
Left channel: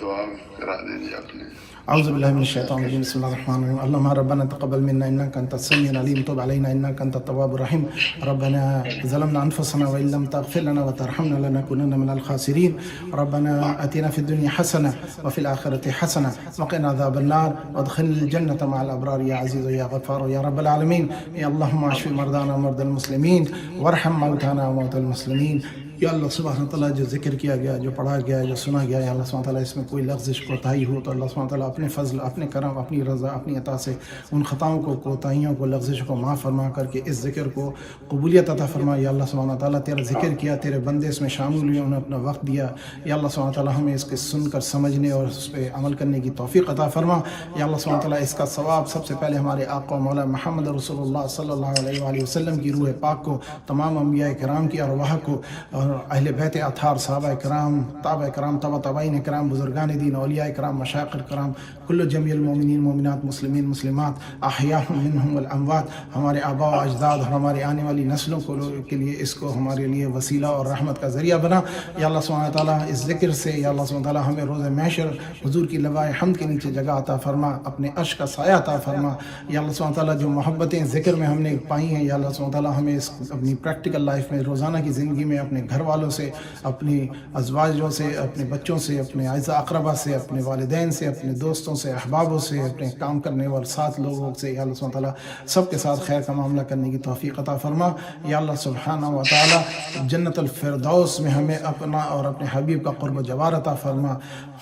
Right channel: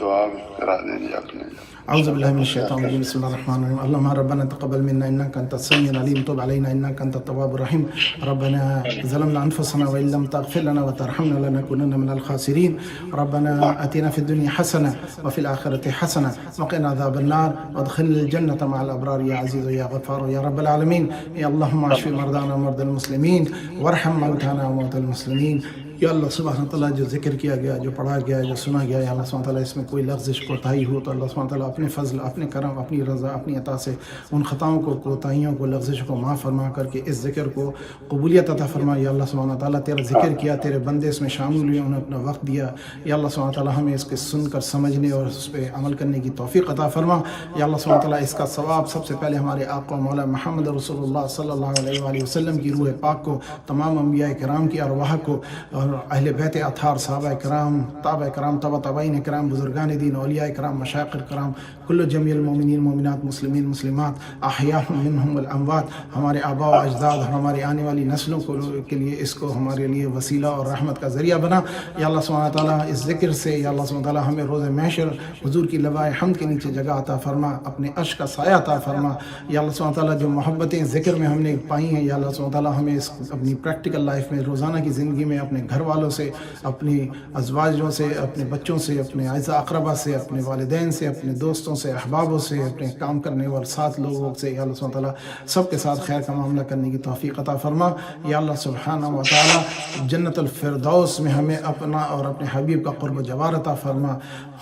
دعا کرا دیں جی آپ نے۔ اعوذ باللہ من الشیطان الرجیم، بسم اللہ الرحمن الرحیم۔ اللهم ربنا تقبل منا انك انت السميع العليم، تب علينا انك انت التواب الرحيم، ربنا ظلمنا انفسنا وان لم تغفر لنا وترحمنا لنكونن من الخاسرين، ربنا اتنا في الدنيا حسنه وفي الاخره حسنه وقنا عذاب النار وادخلنا الجنه مع الابرار يا عزيز يا غفار يا رب العالمين۔ يا اللهم اشف مرضانا ومرضى المسلمين وارحم موتانا وموتى المسلمين۔ یا اللہ سبحانہ تعالیٰ جو ذکر کیا گیا، جو پڑھا گیا، جو سنا گیا، یا اللہ سبحانہ تعالیٰ اس میں کوئی لغزش کوتاہی ہو تو اللہ سبحانہ تعالیٰ اپنے فضل، اپنے کرم، اپنی رضا، اپنی عطا سے ان خطاؤں کو، کوتاہیوں کو، لغزشوں کو معاف فرما کر کے اس ذکر کو قبولیت عطا فرما۔ یا اللہ سبحانہ تعالیٰ تیرا ذکر کیا، تیرے بندے اس میں شامل ہوئے، انہیں اپنا وقت دیا، یا اللہ سبحانہ تعالیٰ ہمیں اس کے سن کر سمجھنے اور اس پہ عمل کرنے کی توفیق عطا فرما۔ یا اللہ سبحانہ تعالیٰ اس کا ثواب سب سے پہلے ہمارے آقا و مولا محمد رسول اللہ صلی اللہ علیہ وآلہ وسلم کی روح پاک کو، تمام انبیاء کرام کی ارواح کو، اور اہل بیت اطہار، صحابہ کرام، تابع کرام، تبع تابعین کرام، بزرگان دین، اولیاء کرام، مشائخ کرام، کل جمیع المومنین، مومنات، مسلمین، مسلمات، احیاء منہم والاموات، ہمارے آباء و اجداد، ہماری آنے والی نسلوں کے لیے اس کو ہمارے لیے وسیلہ اور رحمت کا ذریعہ بنا۔ یا اللہ سبحانہ تعالیٰ اس ذکر سے، یا اللہ سبحانہ تعالیٰ ہمیں روز محشر حضور کی لوائے حمد کے نیچے جگہ عطا فرما، اپنے عرش کا سایہ عطا فرما۔ یا اللہ سبحانہ تعالیٰ جو محبتیں ذکر میں ہم نے پائی ہیں، یا اللہ سبحانہ تعالیٰ ہمیں اس اپنی پریکٹیکل لائف میں، روزانہ کی زندگی میں، اپنے گھر والوں سے، اپنی ازواجوں سے، اپنے بچوں سے، اپنے اعزاء اقربا سے، اپنے والدین سے، اپنے دوستوں سے، احبابوں سے، اپنے کام کرنے والے ساتھ لوگوں سے یا اللہ سبحانہ تعالیٰ سب کے ساتھ خیر کا معاملہ کرنے کی توفیق عطا فرما۔ یا اللہ سبحانہ و تعالیٰ جنت الفردوس میں ہمیں اپنا اور اپنے حبیب کا قرب و جوار عطا فرما۔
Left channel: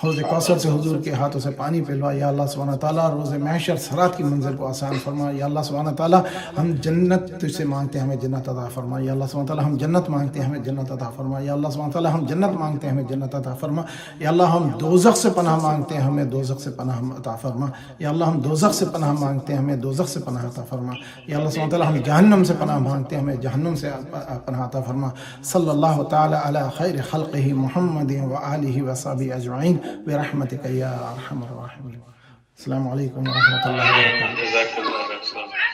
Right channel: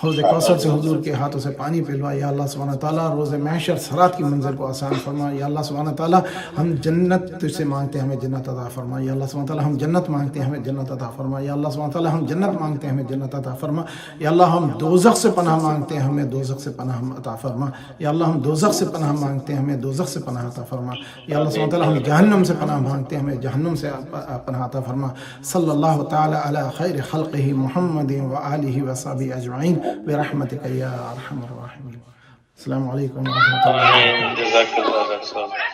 حوض کوثر سے حضور کے ہاتھوں سے پانی پلوا۔ یا اللہ سبحانہ تعالیٰ روز محشر صراط کی منزل کو آسان فرما۔ یا اللہ سبحانہ تعالیٰ ہم جنت تجھ سے مانگتے ہیں، ہمیں جنت عطا فرما۔ یا اللہ سبحانہ تعالیٰ ہم جنت مانگتے ہیں، ہمیں جنت عطا فرما۔ یا اللہ سبحانہ تعالیٰ ہم جنت مانگتے ہیں، ہمیں جنت عطا فرما۔ یا اللہ ہم دوزخ سے پناہ مانگتے ہیں، ہمیں دوزخ سے پناہ عطا فرما۔ یا اللہ ہم دوزخ سے پناہ مانگتے ہیں، ہمیں دوزخ سے پناہ عطا فرما۔ یا اللہ سبحانہ تعالیٰ ہم جہنم سے پناہ مانگتے ہیں، ہمیں جہنم سے پناہ عطا فرما۔ صلی اللہ تعالیٰ علی خیر خلقہ محمد وآلہ وصحبہ اجمعین برحمتک یا ارحم الراحمین۔ السلام علیکم ورحمۃ اللہ وبرکاتہ۔ جزاک اللہ